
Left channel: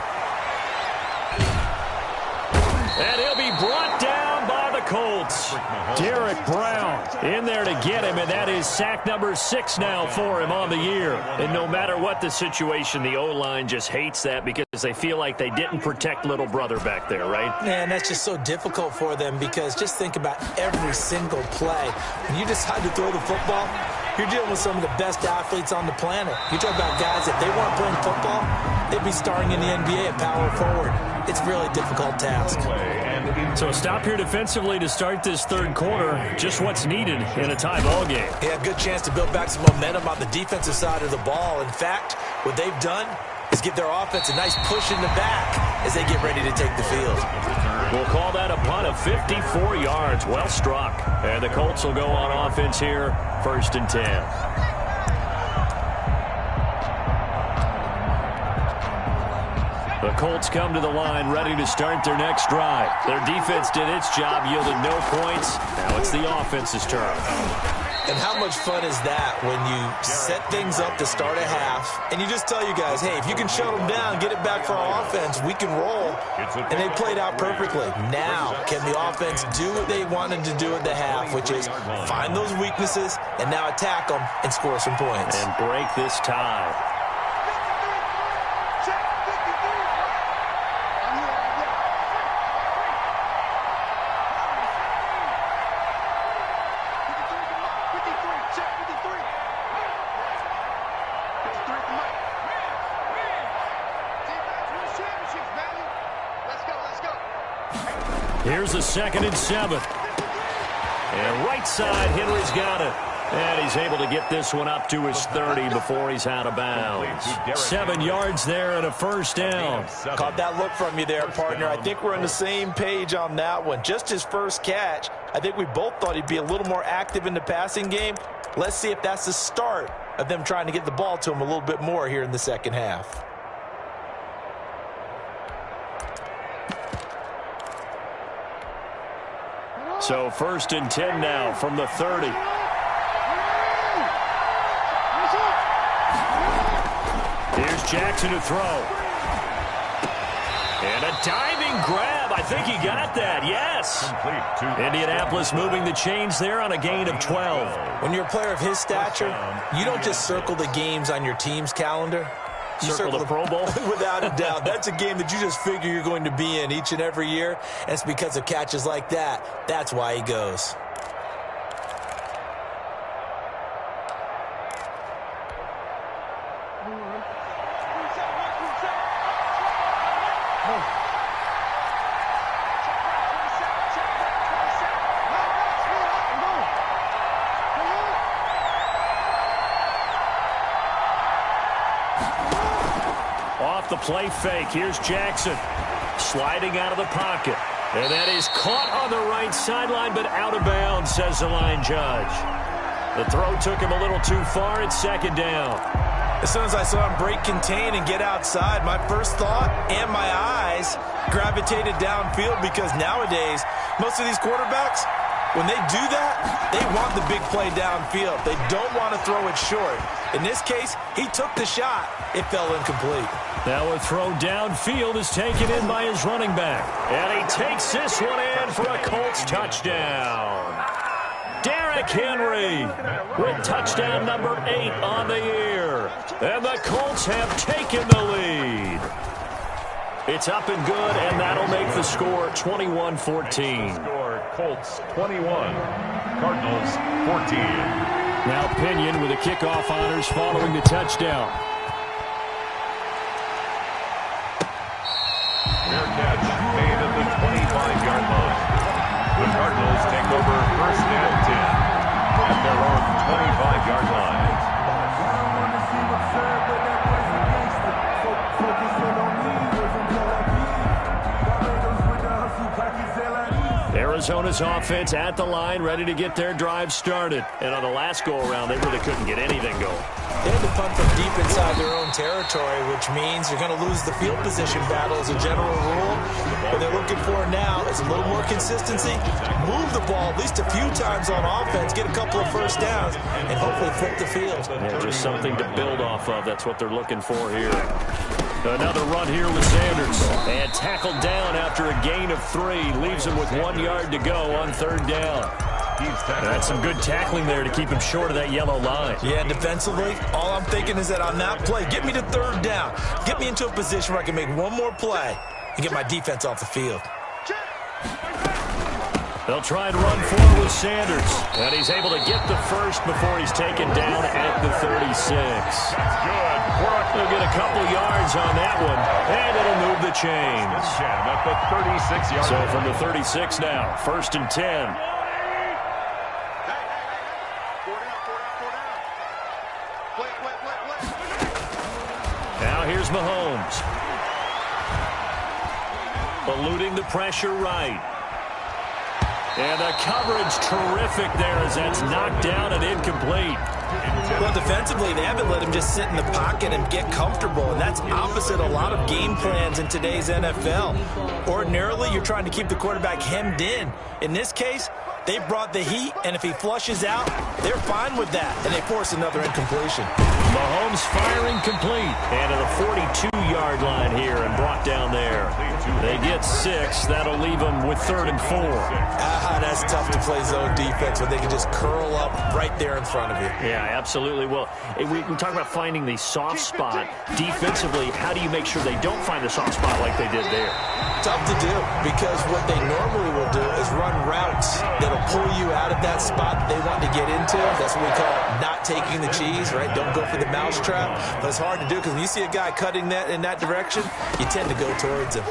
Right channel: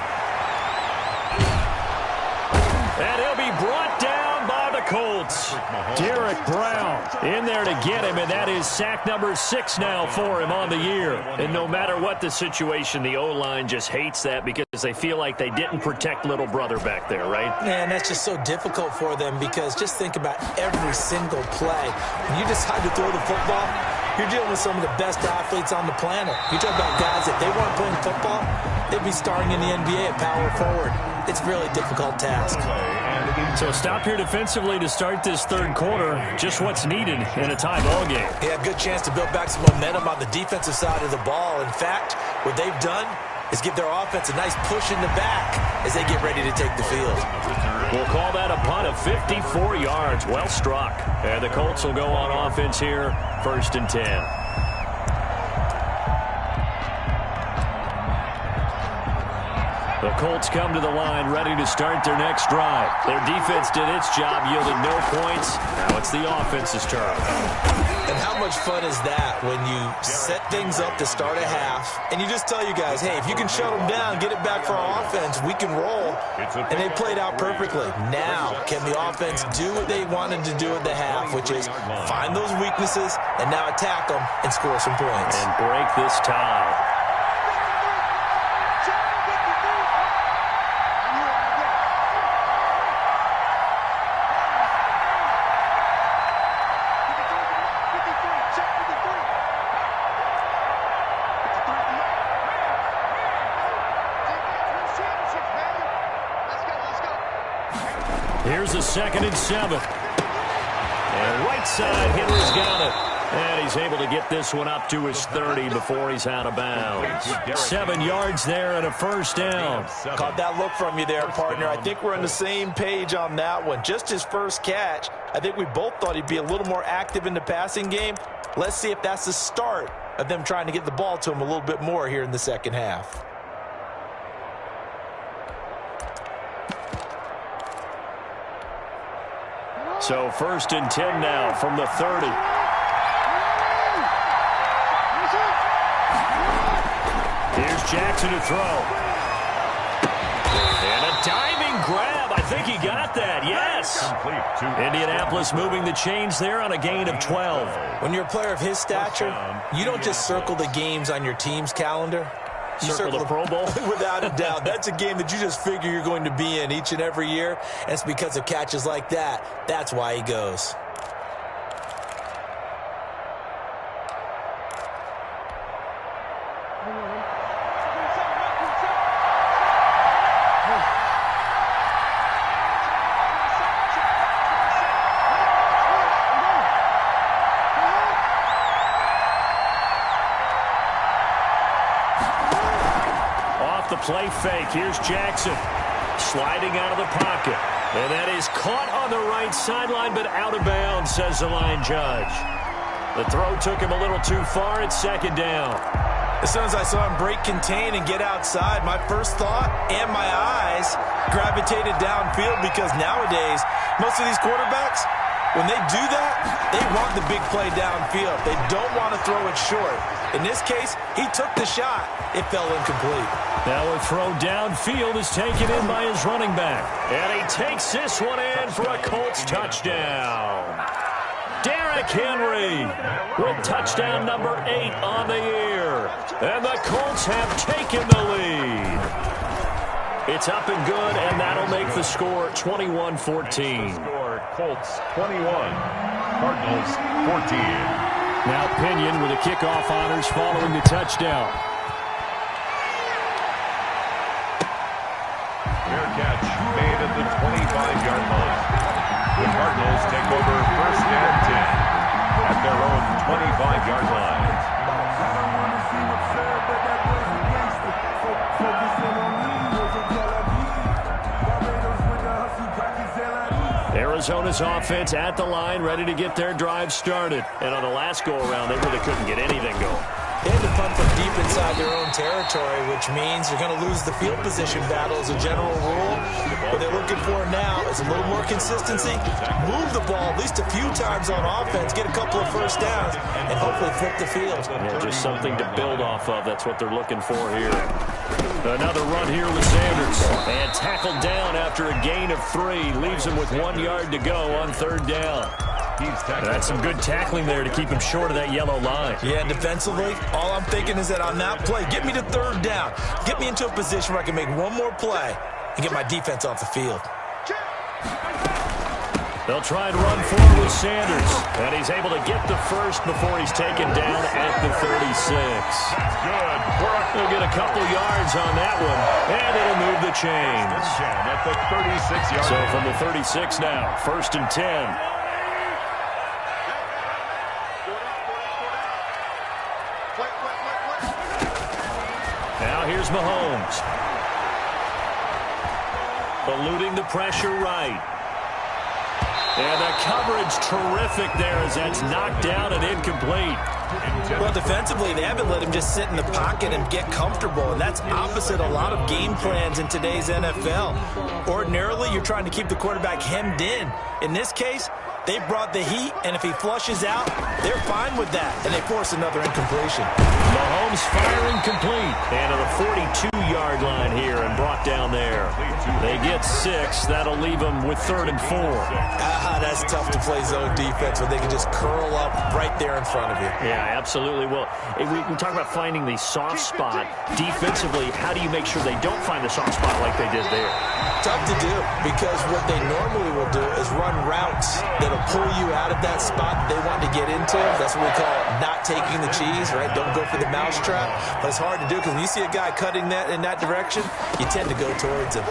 And he'll be brought down by the Colts. Derek Brown in there to get him, and that is sack number 6 now for him on the year. And no matter what the situation, the O-line just hates that because they feel like they didn't protect little brother back there, right? Man, that's just so difficult for them because just think about every single play. When you decide to throw the football, you're dealing with some of the best athletes on the planet. You talk about guys, if they weren't playing football, they'd be starring in the NBA at power forward. It's a really difficult task. So stop here defensively to start this third quarter. Just what's needed in a tie ball game. Yeah, good chance to build back some momentum on the defensive side of the ball. In fact, what they've done is give their offense a nice push in the back as they get ready to take the field. We'll call that a punt of 54 yards. Well struck. And the Colts will go on offense here, 1st and 10. The Colts come to the line ready to start their next drive. Their defense did its job, yielded no points. Now it's the offense's turn. And how much fun is that when you set things up to start a half, and you just tell you guys, hey, if you can shut them down, get it back for our offense, we can roll. And they played out perfectly. Now, can the offense do what they wanted to do at the half, which is find those weaknesses and now attack them and score some points. And break this tie. Here's a 2nd and 7. And right side, Henry's got it. And he's able to get this one up to his 30 before he's out of bounds. 7 yards there and a first down. Caught that look from you there, partner. I think we're on the same page on that one. Just his first catch. I think we both thought he'd be a little more active in the passing game. Let's see if that's the start of them trying to get the ball to him a little bit more here in the second half. So 1st and 10 now from the 30. Here's Jackson to throw. And a diving grab. I think he got that. Yes. Indianapolis moving the chains there on a gain of 12. When you're a player of his stature, you don't just circle the games on your team's calendar. You circle the Pro Bowl? Without a doubt. That's a game that you just figure you're going to be in each and every year. And it's because of catches like that. That's why he goes. Off the play fake, here's Jackson. Sliding out of the pocket. And that is caught on the right sideline, but out of bounds, says the line judge. The throw took him a little too far. It's 2nd down. As soon as I saw him break contain and get outside, my first thought and my eyes gravitated downfield, because nowadays, most of these quarterbacks, when they do that, they want the big play downfield. They don't want to throw it short. In this case, he took the shot. It fell incomplete. Now a throw downfield is taken in by his running back. And he takes this one in for a Colts touchdown. Derrick Henry with touchdown number 8 on the year. And the Colts have taken the lead. It's up and good, and that'll make the score 21-14. Score Colts 21, Cardinals 14. Now Pinion with the kickoff honors following the touchdown. Fair catch made at the 25-yard line. The Cardinals take over 1st and 10 at their own 25-yard line. I don't want to seem absurd, but that boy's a gangster. Focusing on me wasn't Tel Aviv. Barbados with the hustle, pockets Arizona's offense at the line, ready to get their drive started. And on the last go-around, they really couldn't get anything going. They had to punt from deep inside their own territory, which means you're going to lose the field position battle as a general rule. What they're looking for now is a little more consistency, move the ball at least a few times on offense, get a couple of first downs, and hopefully flip the field. Yeah, just something to build off of. That's what they're looking for here. Another run here with Sanders. And tackled down after a gain of 3. Leaves him with 1 yard to go on 3rd down. That's some good tackling there to keep him short of that yellow line. Yeah, defensively, all I'm thinking is that on that play, get me to 3rd down. Get me into a position where I can make one more play and get my defense off the field. They'll try and run forward with Sanders. And he's able to get the first before he's taken down at the 36. That's good. They'll get a couple yards on that one, and it'll move the chains. At the 36-yard So line. from the 36 now, 1st and 10. Now here's Mahomes. Eluding the pressure right. And the coverage terrific there as that's knocked down and incomplete. Well, defensively, they haven't let him just sit in the pocket and get comfortable, and that's opposite a lot of game plans in today's NFL. Ordinarily, you're trying to keep the quarterback hemmed in. In this case, They brought the heat, and if he flushes out, they're fine with that, and they force another incompletion. Mahomes firing complete. And to the 42-yard line here and brought down there. They get 6. That'll leave them with 3rd and 4. That's tough to play zone defense when they can just curl up right there in front of you. Yeah, absolutely. Well, we talk about finding the soft spot. Defensively, how do you make sure they don't find the soft spot like they did there? Tough to do, because what they normally will do is run routes that'll pull you out of that spot that they want to get into. That's what we call not taking the cheese, right? Don't go for the mousetrap. But it's hard to do, because when you see a guy cutting that in that direction, you tend to go towards him.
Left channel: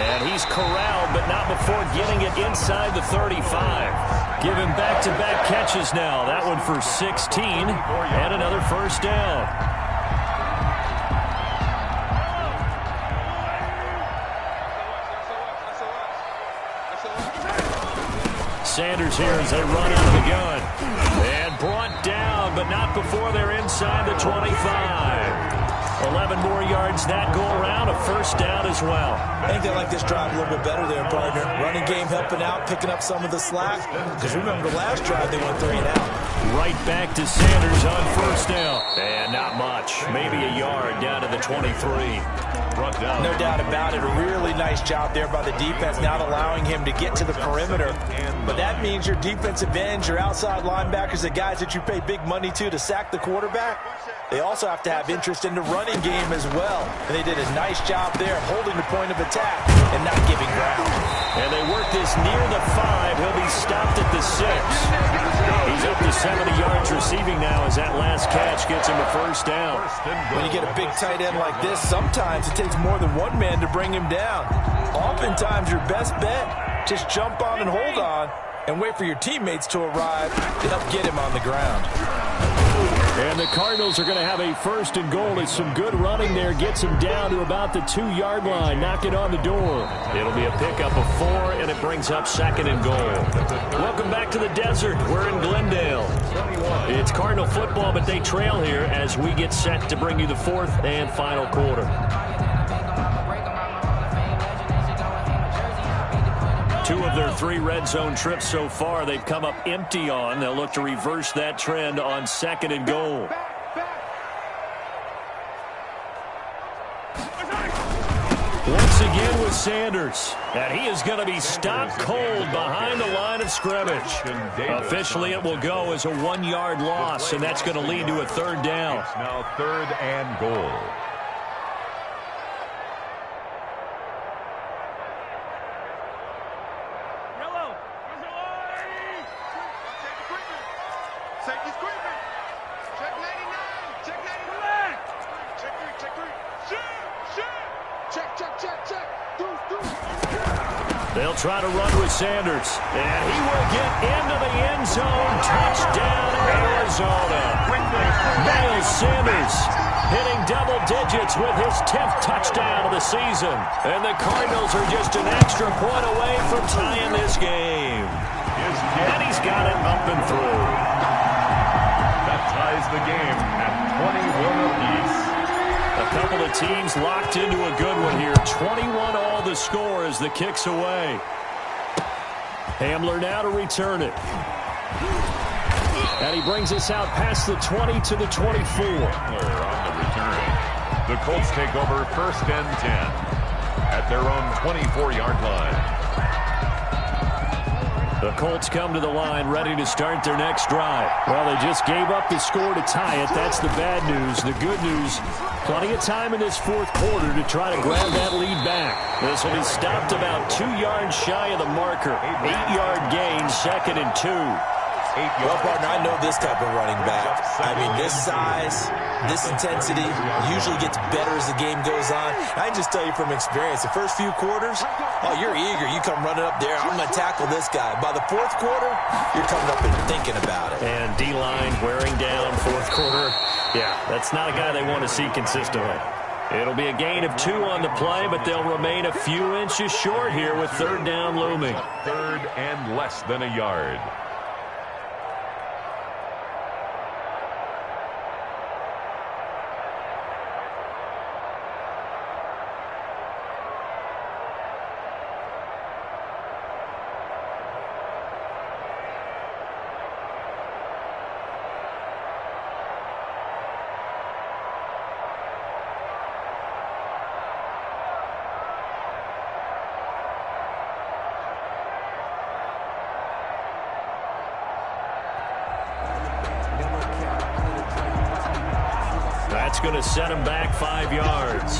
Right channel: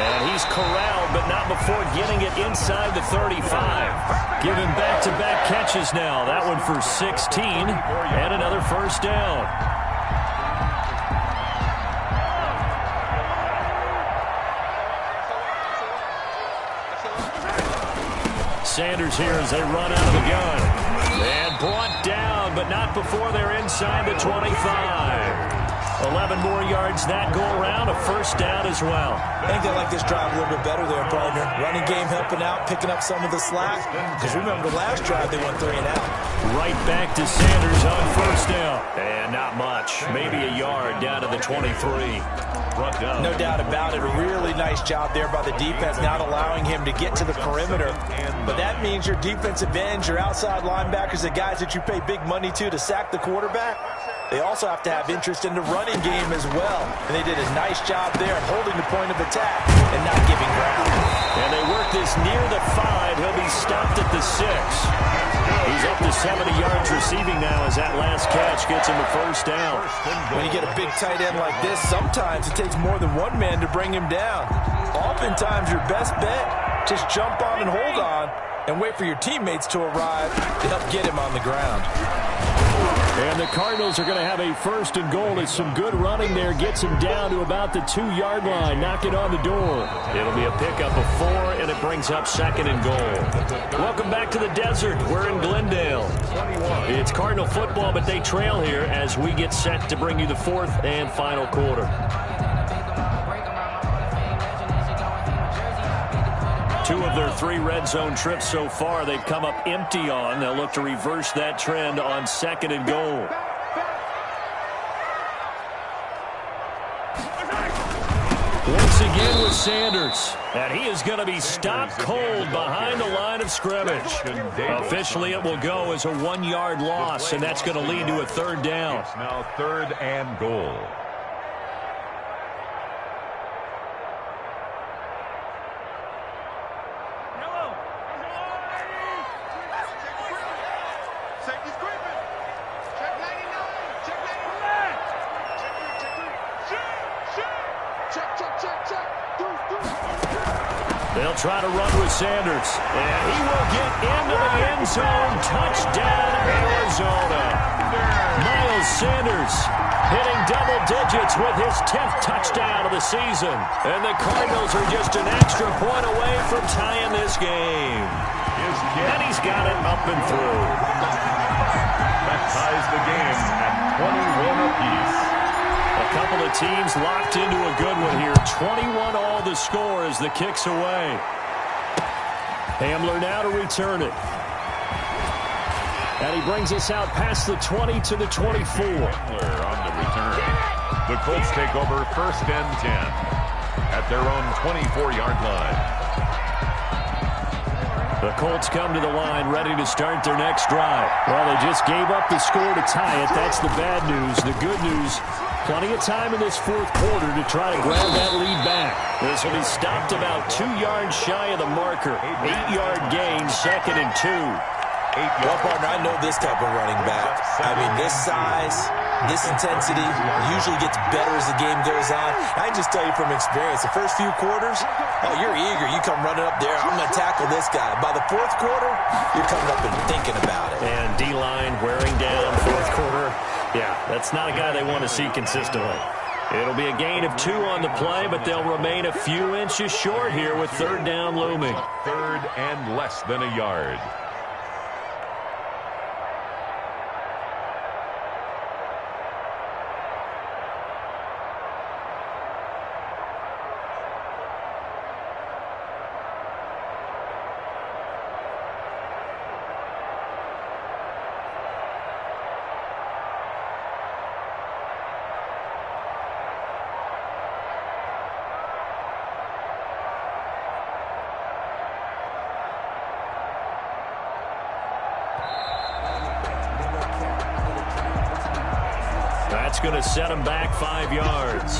And he's corralled, but not before getting it inside the 35. Giving back-to-back catches now. That one for 16 and another first down. Sanders here as they run out of the gun. And brought down, but not before they're inside the 25. 11 more yards that go around, a first down as well. I think they like this drive a little bit better there, partner. Running game helping out, picking up some of the slack. Because remember, the last drive they went 3 and out. Right back to Sanders on first down. And not much. Maybe a yard down to the 23. No doubt about it. A really nice job there by the defense, not allowing him to get to the perimeter. But that means your defensive ends, your outside linebackers, the guys that you pay big money to sack the quarterback, they also have to have interest in the running game as well. And they did a nice job there of holding the point of attack and not giving ground. And they work this near the 5. He'll be stopped at the 6. He's up to 70 yards receiving now as that last catch gets him a first down. When you get a big tight end like this, sometimes it takes more than one man to bring him down. Oftentimes your best bet, just jump on and hold on and wait for your teammates to arrive to help get him on the ground. And the Cardinals are going to have a first and goal. It's some good running there. Gets him down to about the 2-yard line. Knock it on the door. It'll be a pickup of 4, and it brings up 2nd and goal. Welcome back to the desert. We're in Glendale. It's Cardinal football, but they trail here as we get set to bring you the 4th and final quarter. 2 of their 3 red zone trips so far they've come up empty on. They'll look to reverse that trend on 2nd and goal. Once again with Sanders. And he is going to be stopped cold behind the line of scrimmage. Officially it will go as a 1-yard loss, and that's going to lead to a 3rd down. It's now 3rd and goal. Safety's creeping. Check 99. Check 99. Check 3. Check 3. Check. They'll try to run with Sanders. And he will get into the end zone. Touchdown, Arizona. Miles Sanders hitting double digits with his 10th touchdown of the season. And the Cardinals are just an extra point away from tying this game. And he's got it up and through. That ties the game at 21 apiece. A couple of teams locked into a good one here. 21 all the score as the kick's away. Hamler now to return it. And he brings us out past the 20 to the 24. Hamler on the return. The Colts take over 1st and 10 at their own 24-yard line. The Colts come to the line ready to start their next drive. Well, they just gave up the score to tie it. That's the bad news. The good news, plenty of time in this 4th quarter to try to grab that lead back. This will be stopped about 2 yards shy of the marker. 8-yard gain, 2nd and 2. Well, partner, I know this type of running back. I mean, this size, this intensity usually gets better as the game goes on. I can just tell you from experience, the first few quarters, oh, you're eager. You come running up there, I'm going to tackle this guy. By the 4th quarter, you're coming up and thinking about it. And D-line wearing down 4th quarter. Yeah, that's not a guy they want to see consistently. It'll be a gain of 2 on the play, but they'll remain a few inches short here with 3rd down looming. 3rd and less than a yard. going to set him back 5 yards.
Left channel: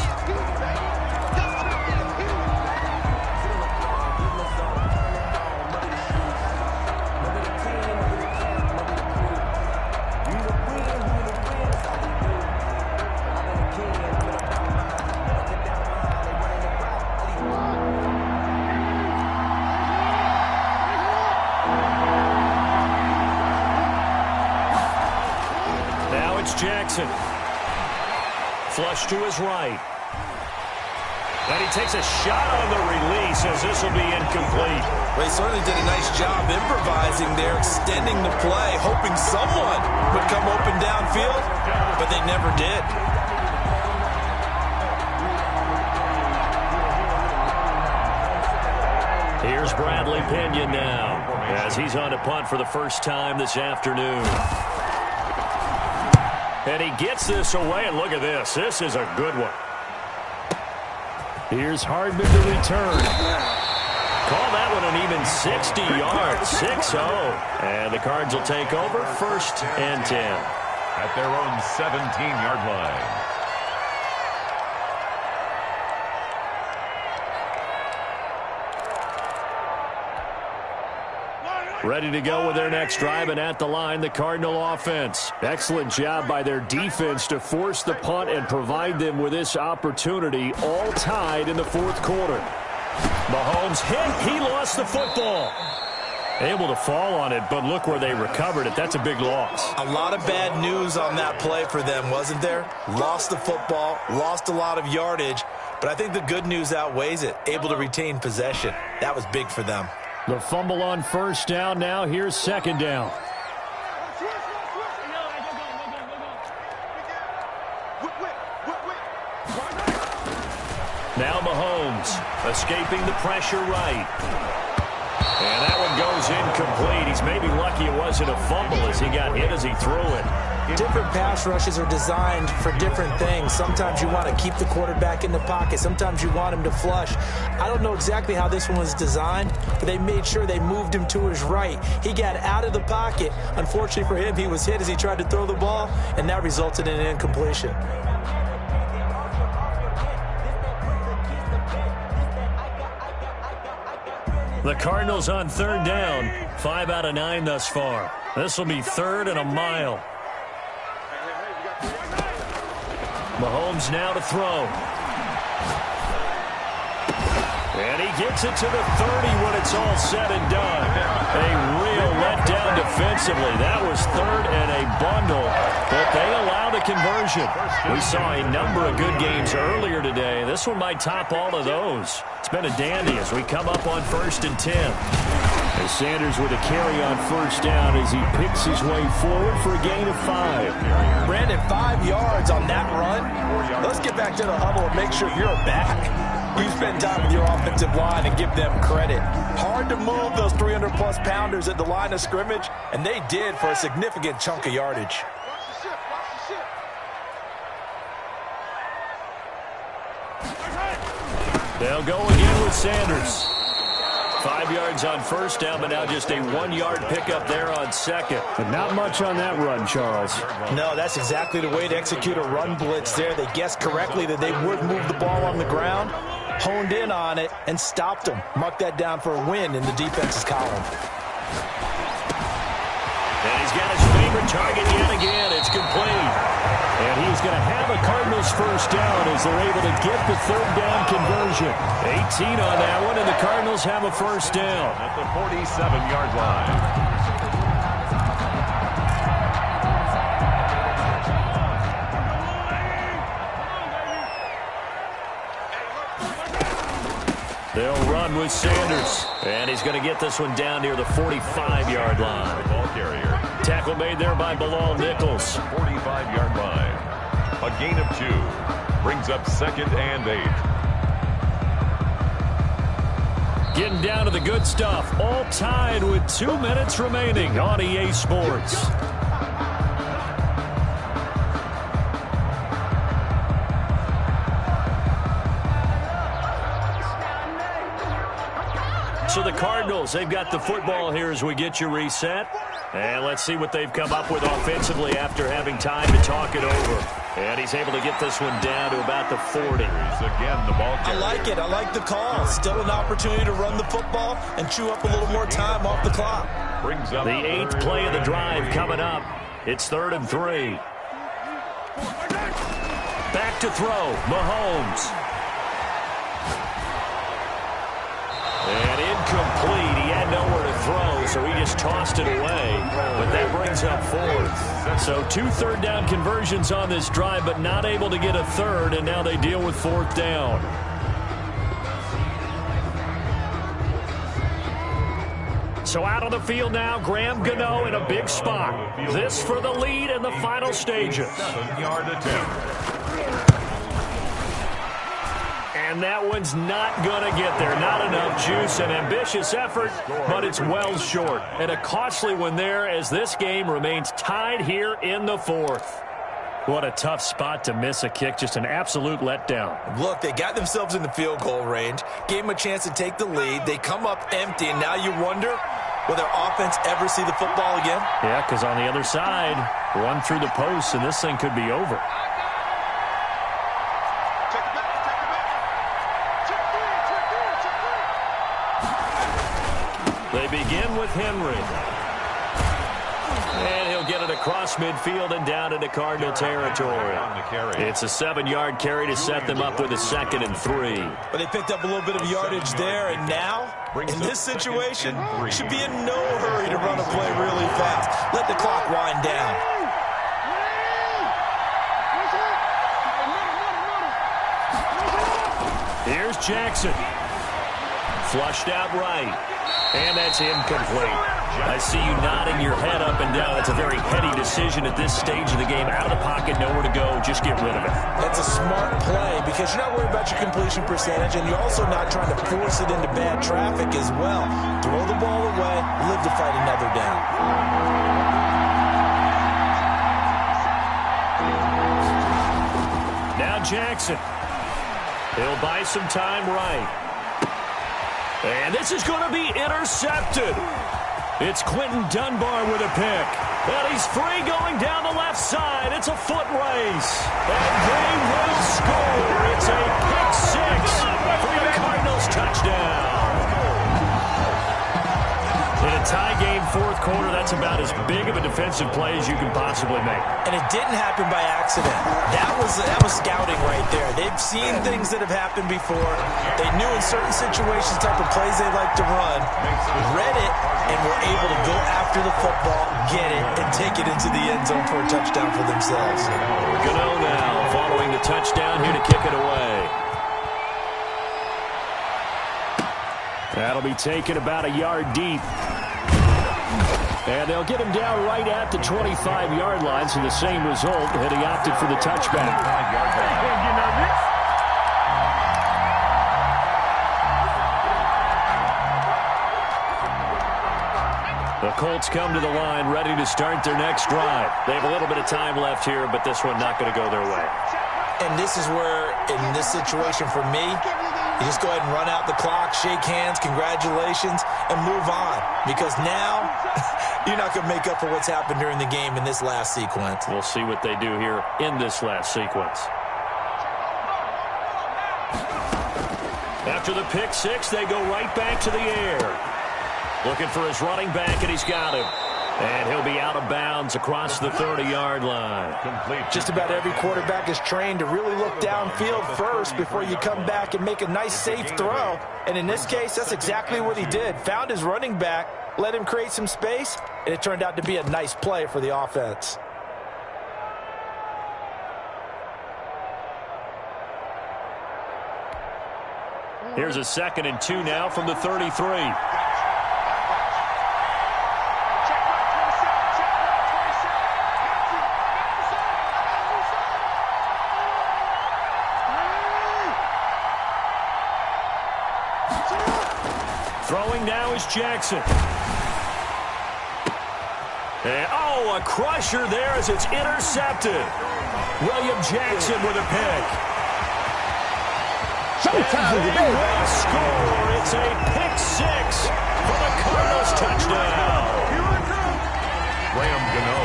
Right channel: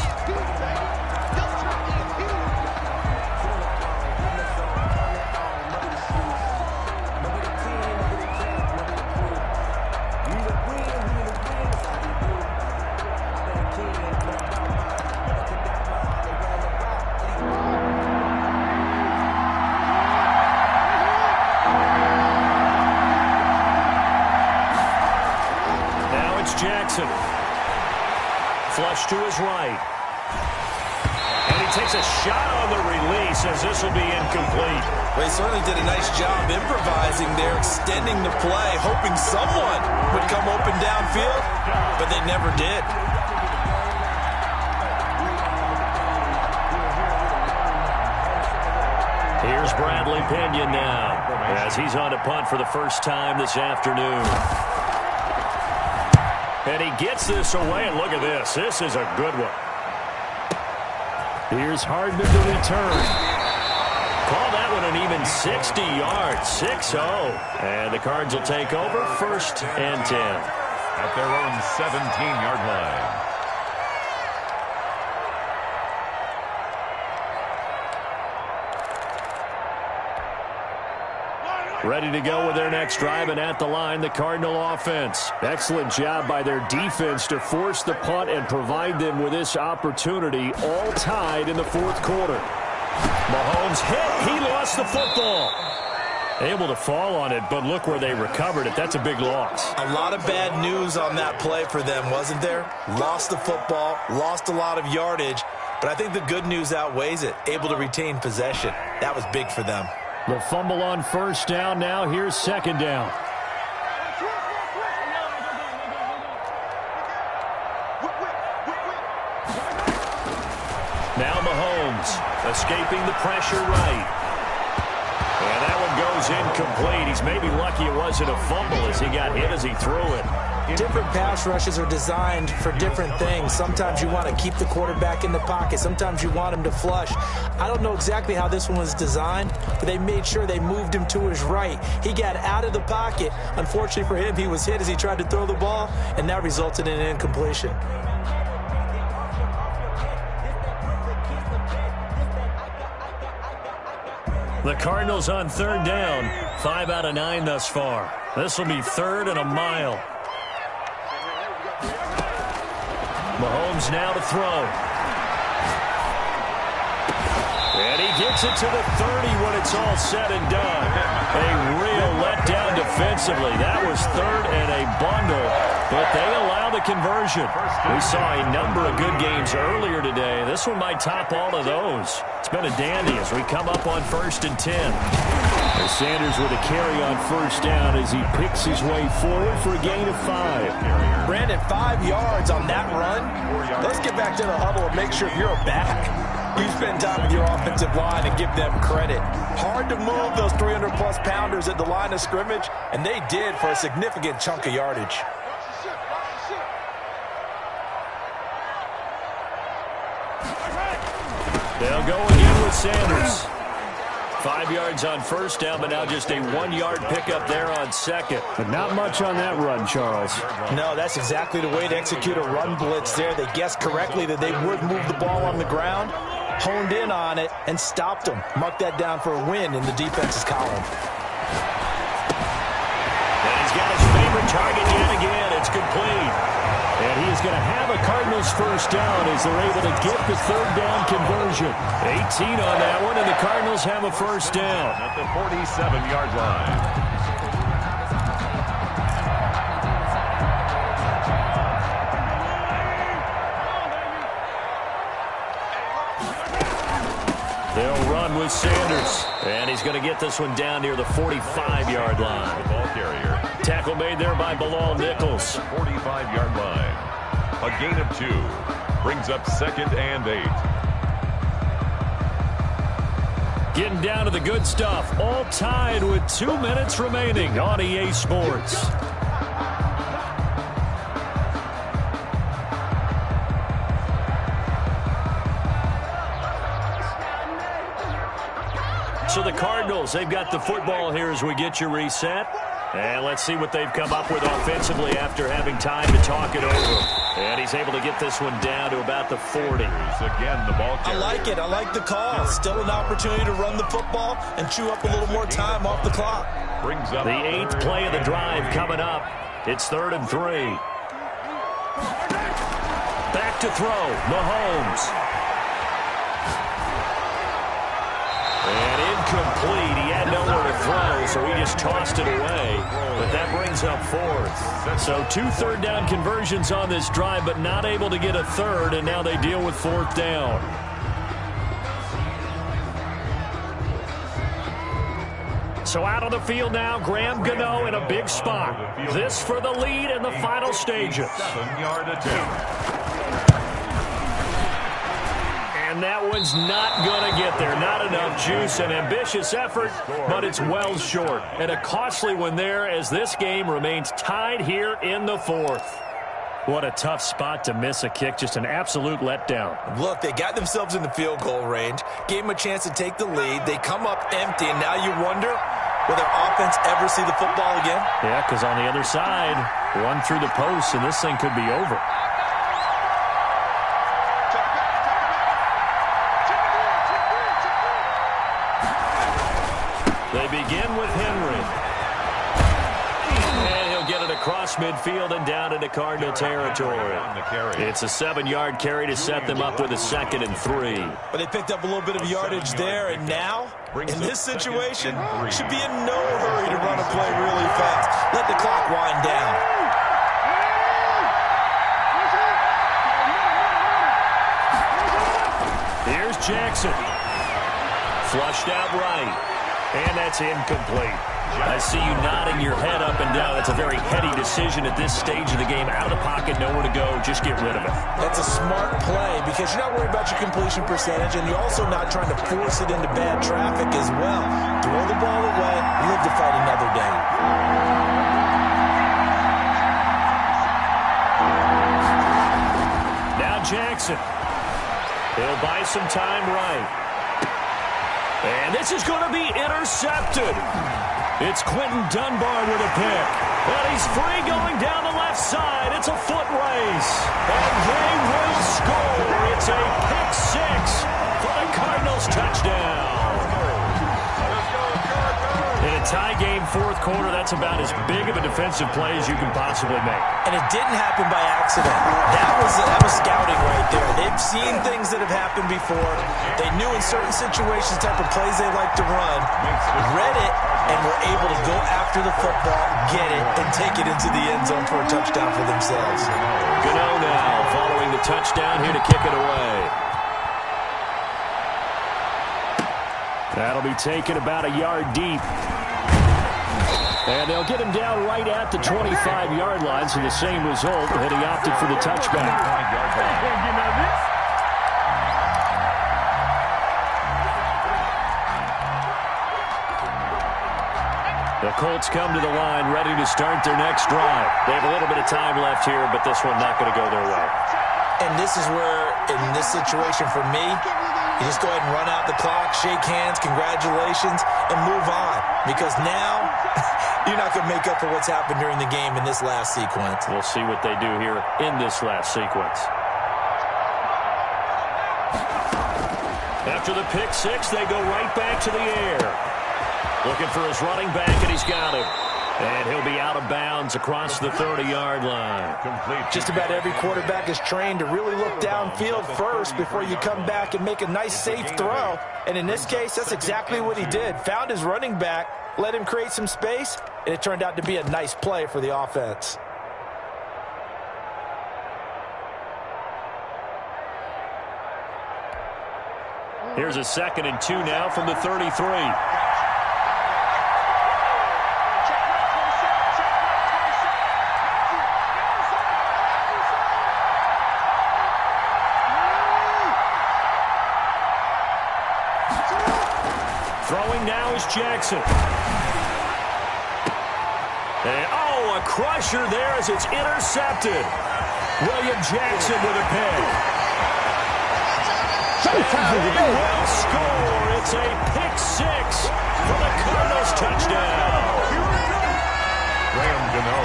Jackson. Flush to his right. And he takes a shot on the release as this will be incomplete. Well, he certainly did a nice job improvising there, extending the play, hoping someone would come open downfield, but they never did. Here's Bradley Pinion now as he's on to punt for the first time this afternoon. And he gets this away, and look at this. This is a good one. Here's Hardman to return. Call that one an even 60 yards, 6-0. And the Cards will take over 1st and 10. At their own 17-yard line. Ready to go with their next drive, and at the line, the Cardinal offense. Excellent job by their defense to force the punt and provide them with this opportunity, all tied in the 4th quarter. Mahomes hit. He lost the football. Able to fall on it, but look where they recovered it. That's a big loss. A lot of bad news on that play for them, wasn't there? Lost the football, lost a lot of yardage, but I think the good news outweighs it. Able to retain possession. That was big for them. The fumble on 1st down. Now here's 2nd down. Now Mahomes escaping the pressure right. And that one goes incomplete. He's maybe lucky it wasn't a fumble as he got hit as he threw it. Different pass rushes are designed for different things. Sometimes you want to keep the quarterback in the pocket. Sometimes you want him to flush. I don't know exactly how this one was designed, but they made sure they moved him to his right. He got out of the pocket. Unfortunately for him, he was hit as he tried to throw the ball, and that resulted in an incompletion. The Cardinals on 3rd down. 5 out of 9 thus far. This will be 3rd and a mile. Mahomes now to throw. And he gets it to the 30 when it's all said and done. A real letdown defensively. That was 3rd and a bundle, but they allow the conversion. We saw a number of good games earlier today. This one might top all of those. It's been a dandy as we come up on 1st and 10. As Sanders with a carry on 1st down as he picks his way forward for a gain of 5. Brandon, 5 yards on that run. Let's get back to the huddle and make sure you're back. You spend time with your offensive line and give them credit. Hard to move those 300-plus pounders at the line of scrimmage, and they did for a significant chunk of yardage. They'll go again with Sanders. 5 yards on 1st down, but now just a 1-yard pickup there on 2nd. But not much on that run, Charles. No, that's exactly the way to execute a run blitz there. They guessed correctly that they would move the ball on the ground, honed in on it, and stopped them. Mark that down for a win in the defense's column. And he's got his favorite target yet again. It's complete. And he's going to have a Cardinals 1st down as they're able to get the 3rd down conversion. 18 on that one, and the Cardinals have a 1st down. At the 47-yard line. They'll run with Sanders. And he's going to get this one down near the 45-yard line. Ball carrier. Tackle made there by Bilal Nichols. 45-yard line. A gain of 2. Brings up 2nd and 8. Getting down to the good stuff. All tied with 2 minutes remaining on EA Sports. So the Cardinals, they've got the football here as we get you reset. And let's see what they've come up with offensively after having time to talk it over. And he's able to get this one down to about the 40. Again, the ball carrier. I like it. I like the call. Still an opportunity to run the football and chew up a little more time off the clock. Brings up The 8th play of the drive coming up. It's 3rd and 3. Back to throw. Mahomes. And incomplete. He had nowhere to throw, so he just tossed it away. But that brings up 4th. So 2 3rd down conversions on this drive, but not able to get a 3rd, and now they deal with 4th down. So out on the field now, Graham Gano in a big spot. This for the lead in the final stages. 7-yard attempt. And that one's not going to get there. Not enough juice. An ambitious effort, but it's well short. And a costly one there as this game remains tied here in the 4th. What a tough spot to miss a kick. Just an absolute letdown. Look, they got themselves in the field goal range, gave them a chance to take the lead. They come up empty, and now you wonder, will their offense ever see the football again? Yeah, because on the other side, one through the post, and this thing could be over. They begin with Henry. And he'll get it across midfield and down into Cardinal territory. It's a 7-yard carry to set them up with a 2nd and 3. But they picked up a little bit of yardage there, and now, in this situation, should be in no hurry to run a play really fast. Let the clock wind down. Here's Jackson. Flushed out right. And that's incomplete. I see you nodding your head up and down. That's a very heady decision at this stage of the game. Out of the pocket, nowhere to go. Just get rid of it. That's a smart play because you're not worried about your completion percentage, and you're also not trying to force it into bad traffic as well. Throw the ball away, live to fight another down. Now Jackson. He'll buy some time right. And this is going to be intercepted. It's Quentin Dunbar with a pick. And he's free going down the left side. It's a foot race. And they will score. It's a pick 6 for the Cardinals touchdown. In a tie game, 4th quarter, that's about as big of a defensive play as you can possibly make. And it didn't happen by accident. That was scouting right there. They've seen things that have happened before. They knew in certain situations type of plays they like to run, read it, and were able to go after the football, get it, and take it into the end zone for a touchdown for themselves. Gano now following the touchdown here to kick it away. That'll be taken about a yard deep. And they'll get him down right at the 25-yard line, so the same result, and he opted for the touchback. The Colts come to the line, ready to start their next drive. They have a little bit of time left here, but this one not going to go their way. And this is where, in this situation for me, you just go ahead and run out the clock, shake hands, congratulations, and move on. Because now, you're not going to make up for what's happened during the game in this last sequence. We'll see what they do here in this last sequence. After the pick 6, they go right back to the air. Looking for his running back, and he's got him. And he'll be out of bounds across the 30-yard line. Just about every quarterback is trained to really look downfield first before you come back and make a nice, safe throw. And in this case, that's exactly what he did. Found his running back, let him create some space, and it turned out to be a nice play for the offense. Here's a 2nd and 2 now from the 33. Throwing now is Jackson. And, a crusher there as it's intercepted. William Jackson with a pick. And they will score. It's a pick 6 for the Cardinals touchdown. Graham Gano.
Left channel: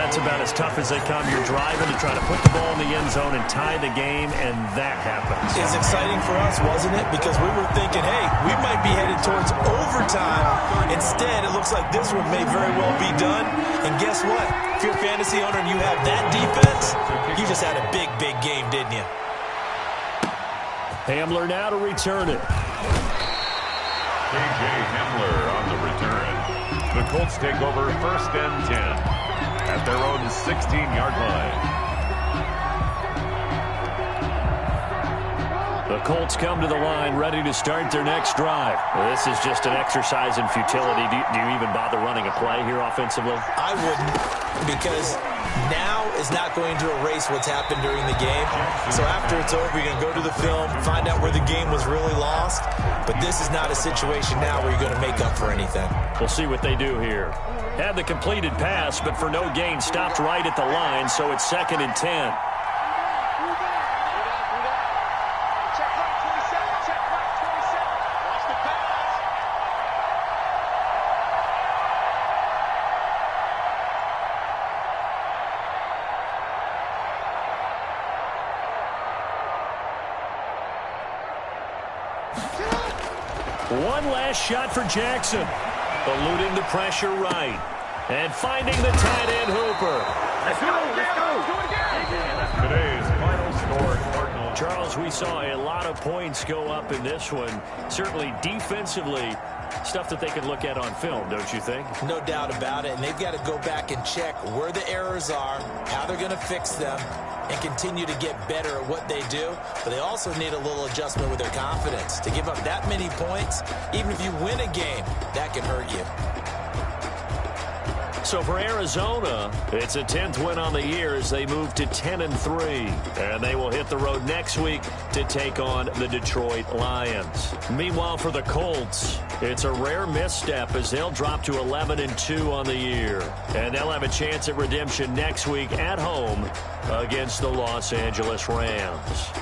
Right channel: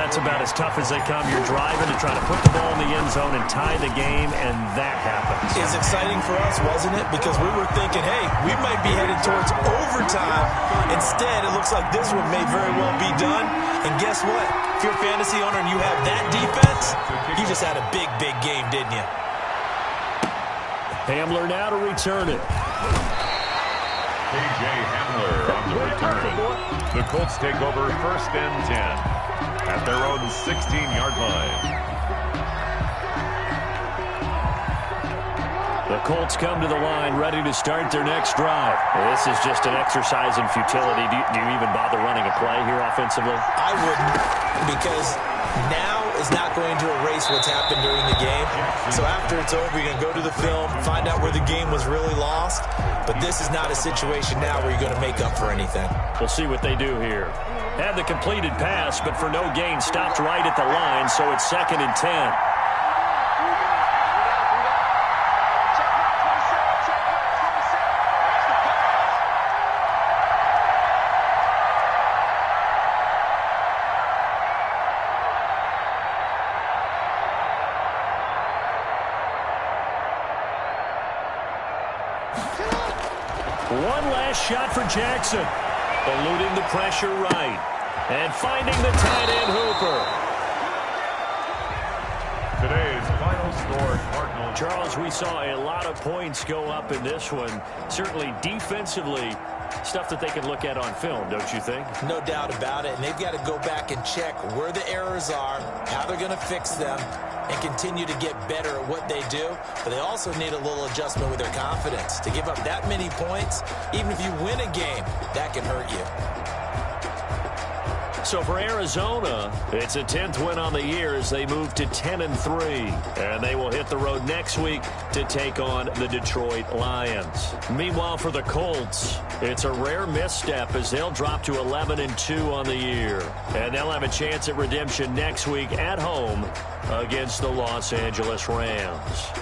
That's about as tough as they come. You're driving to try to put the ball in the end zone and tie the game, and that happens. It's exciting for us, wasn't it? Because we were thinking, hey, we might be headed towards overtime. Instead, it looks like this one may very well be done. And guess what? If you're a fantasy owner and you have that defense, you just had a big, big game, didn't you? Hamler now to return it. K.J. Hamler on the return. The Colts take over 1st and 10 at their own 16-yard line. The Colts come to the line ready to start their next drive. This is just an exercise in futility. Do you even bother running a play here offensively? I wouldn't, because now is not going to erase what's happened during the game. So after it's over, you're going to go to the film, find out where the game was really lost. But this is not a situation now where you're going to make up for anything. We'll see what they do here. Had the completed pass, but for no gain, stopped right at the line, so it's 2nd and 10. One last shot for Jackson. Eluding the pressure right. And finding the tight end Hooper. Today's final score, Cardinals. Charles, we saw a lot of points go up in this one. Certainly defensively, stuff that they can look at on film, don't you think? No doubt about it. And they've got to go back and check where the errors are, how they're going to fix them, and continue to get better at what they do. But they also need a little adjustment with their confidence. To give up that many points, even if you win a game, that can hurt you. So for Arizona, it's a 10th win on the year as they move to 10-3. And they will hit the road next week to take on the Detroit Lions. Meanwhile, for the Colts, it's a rare misstep as they'll drop to 11-2 on the year. And they'll have a chance at redemption next week at home against the Los Angeles Rams.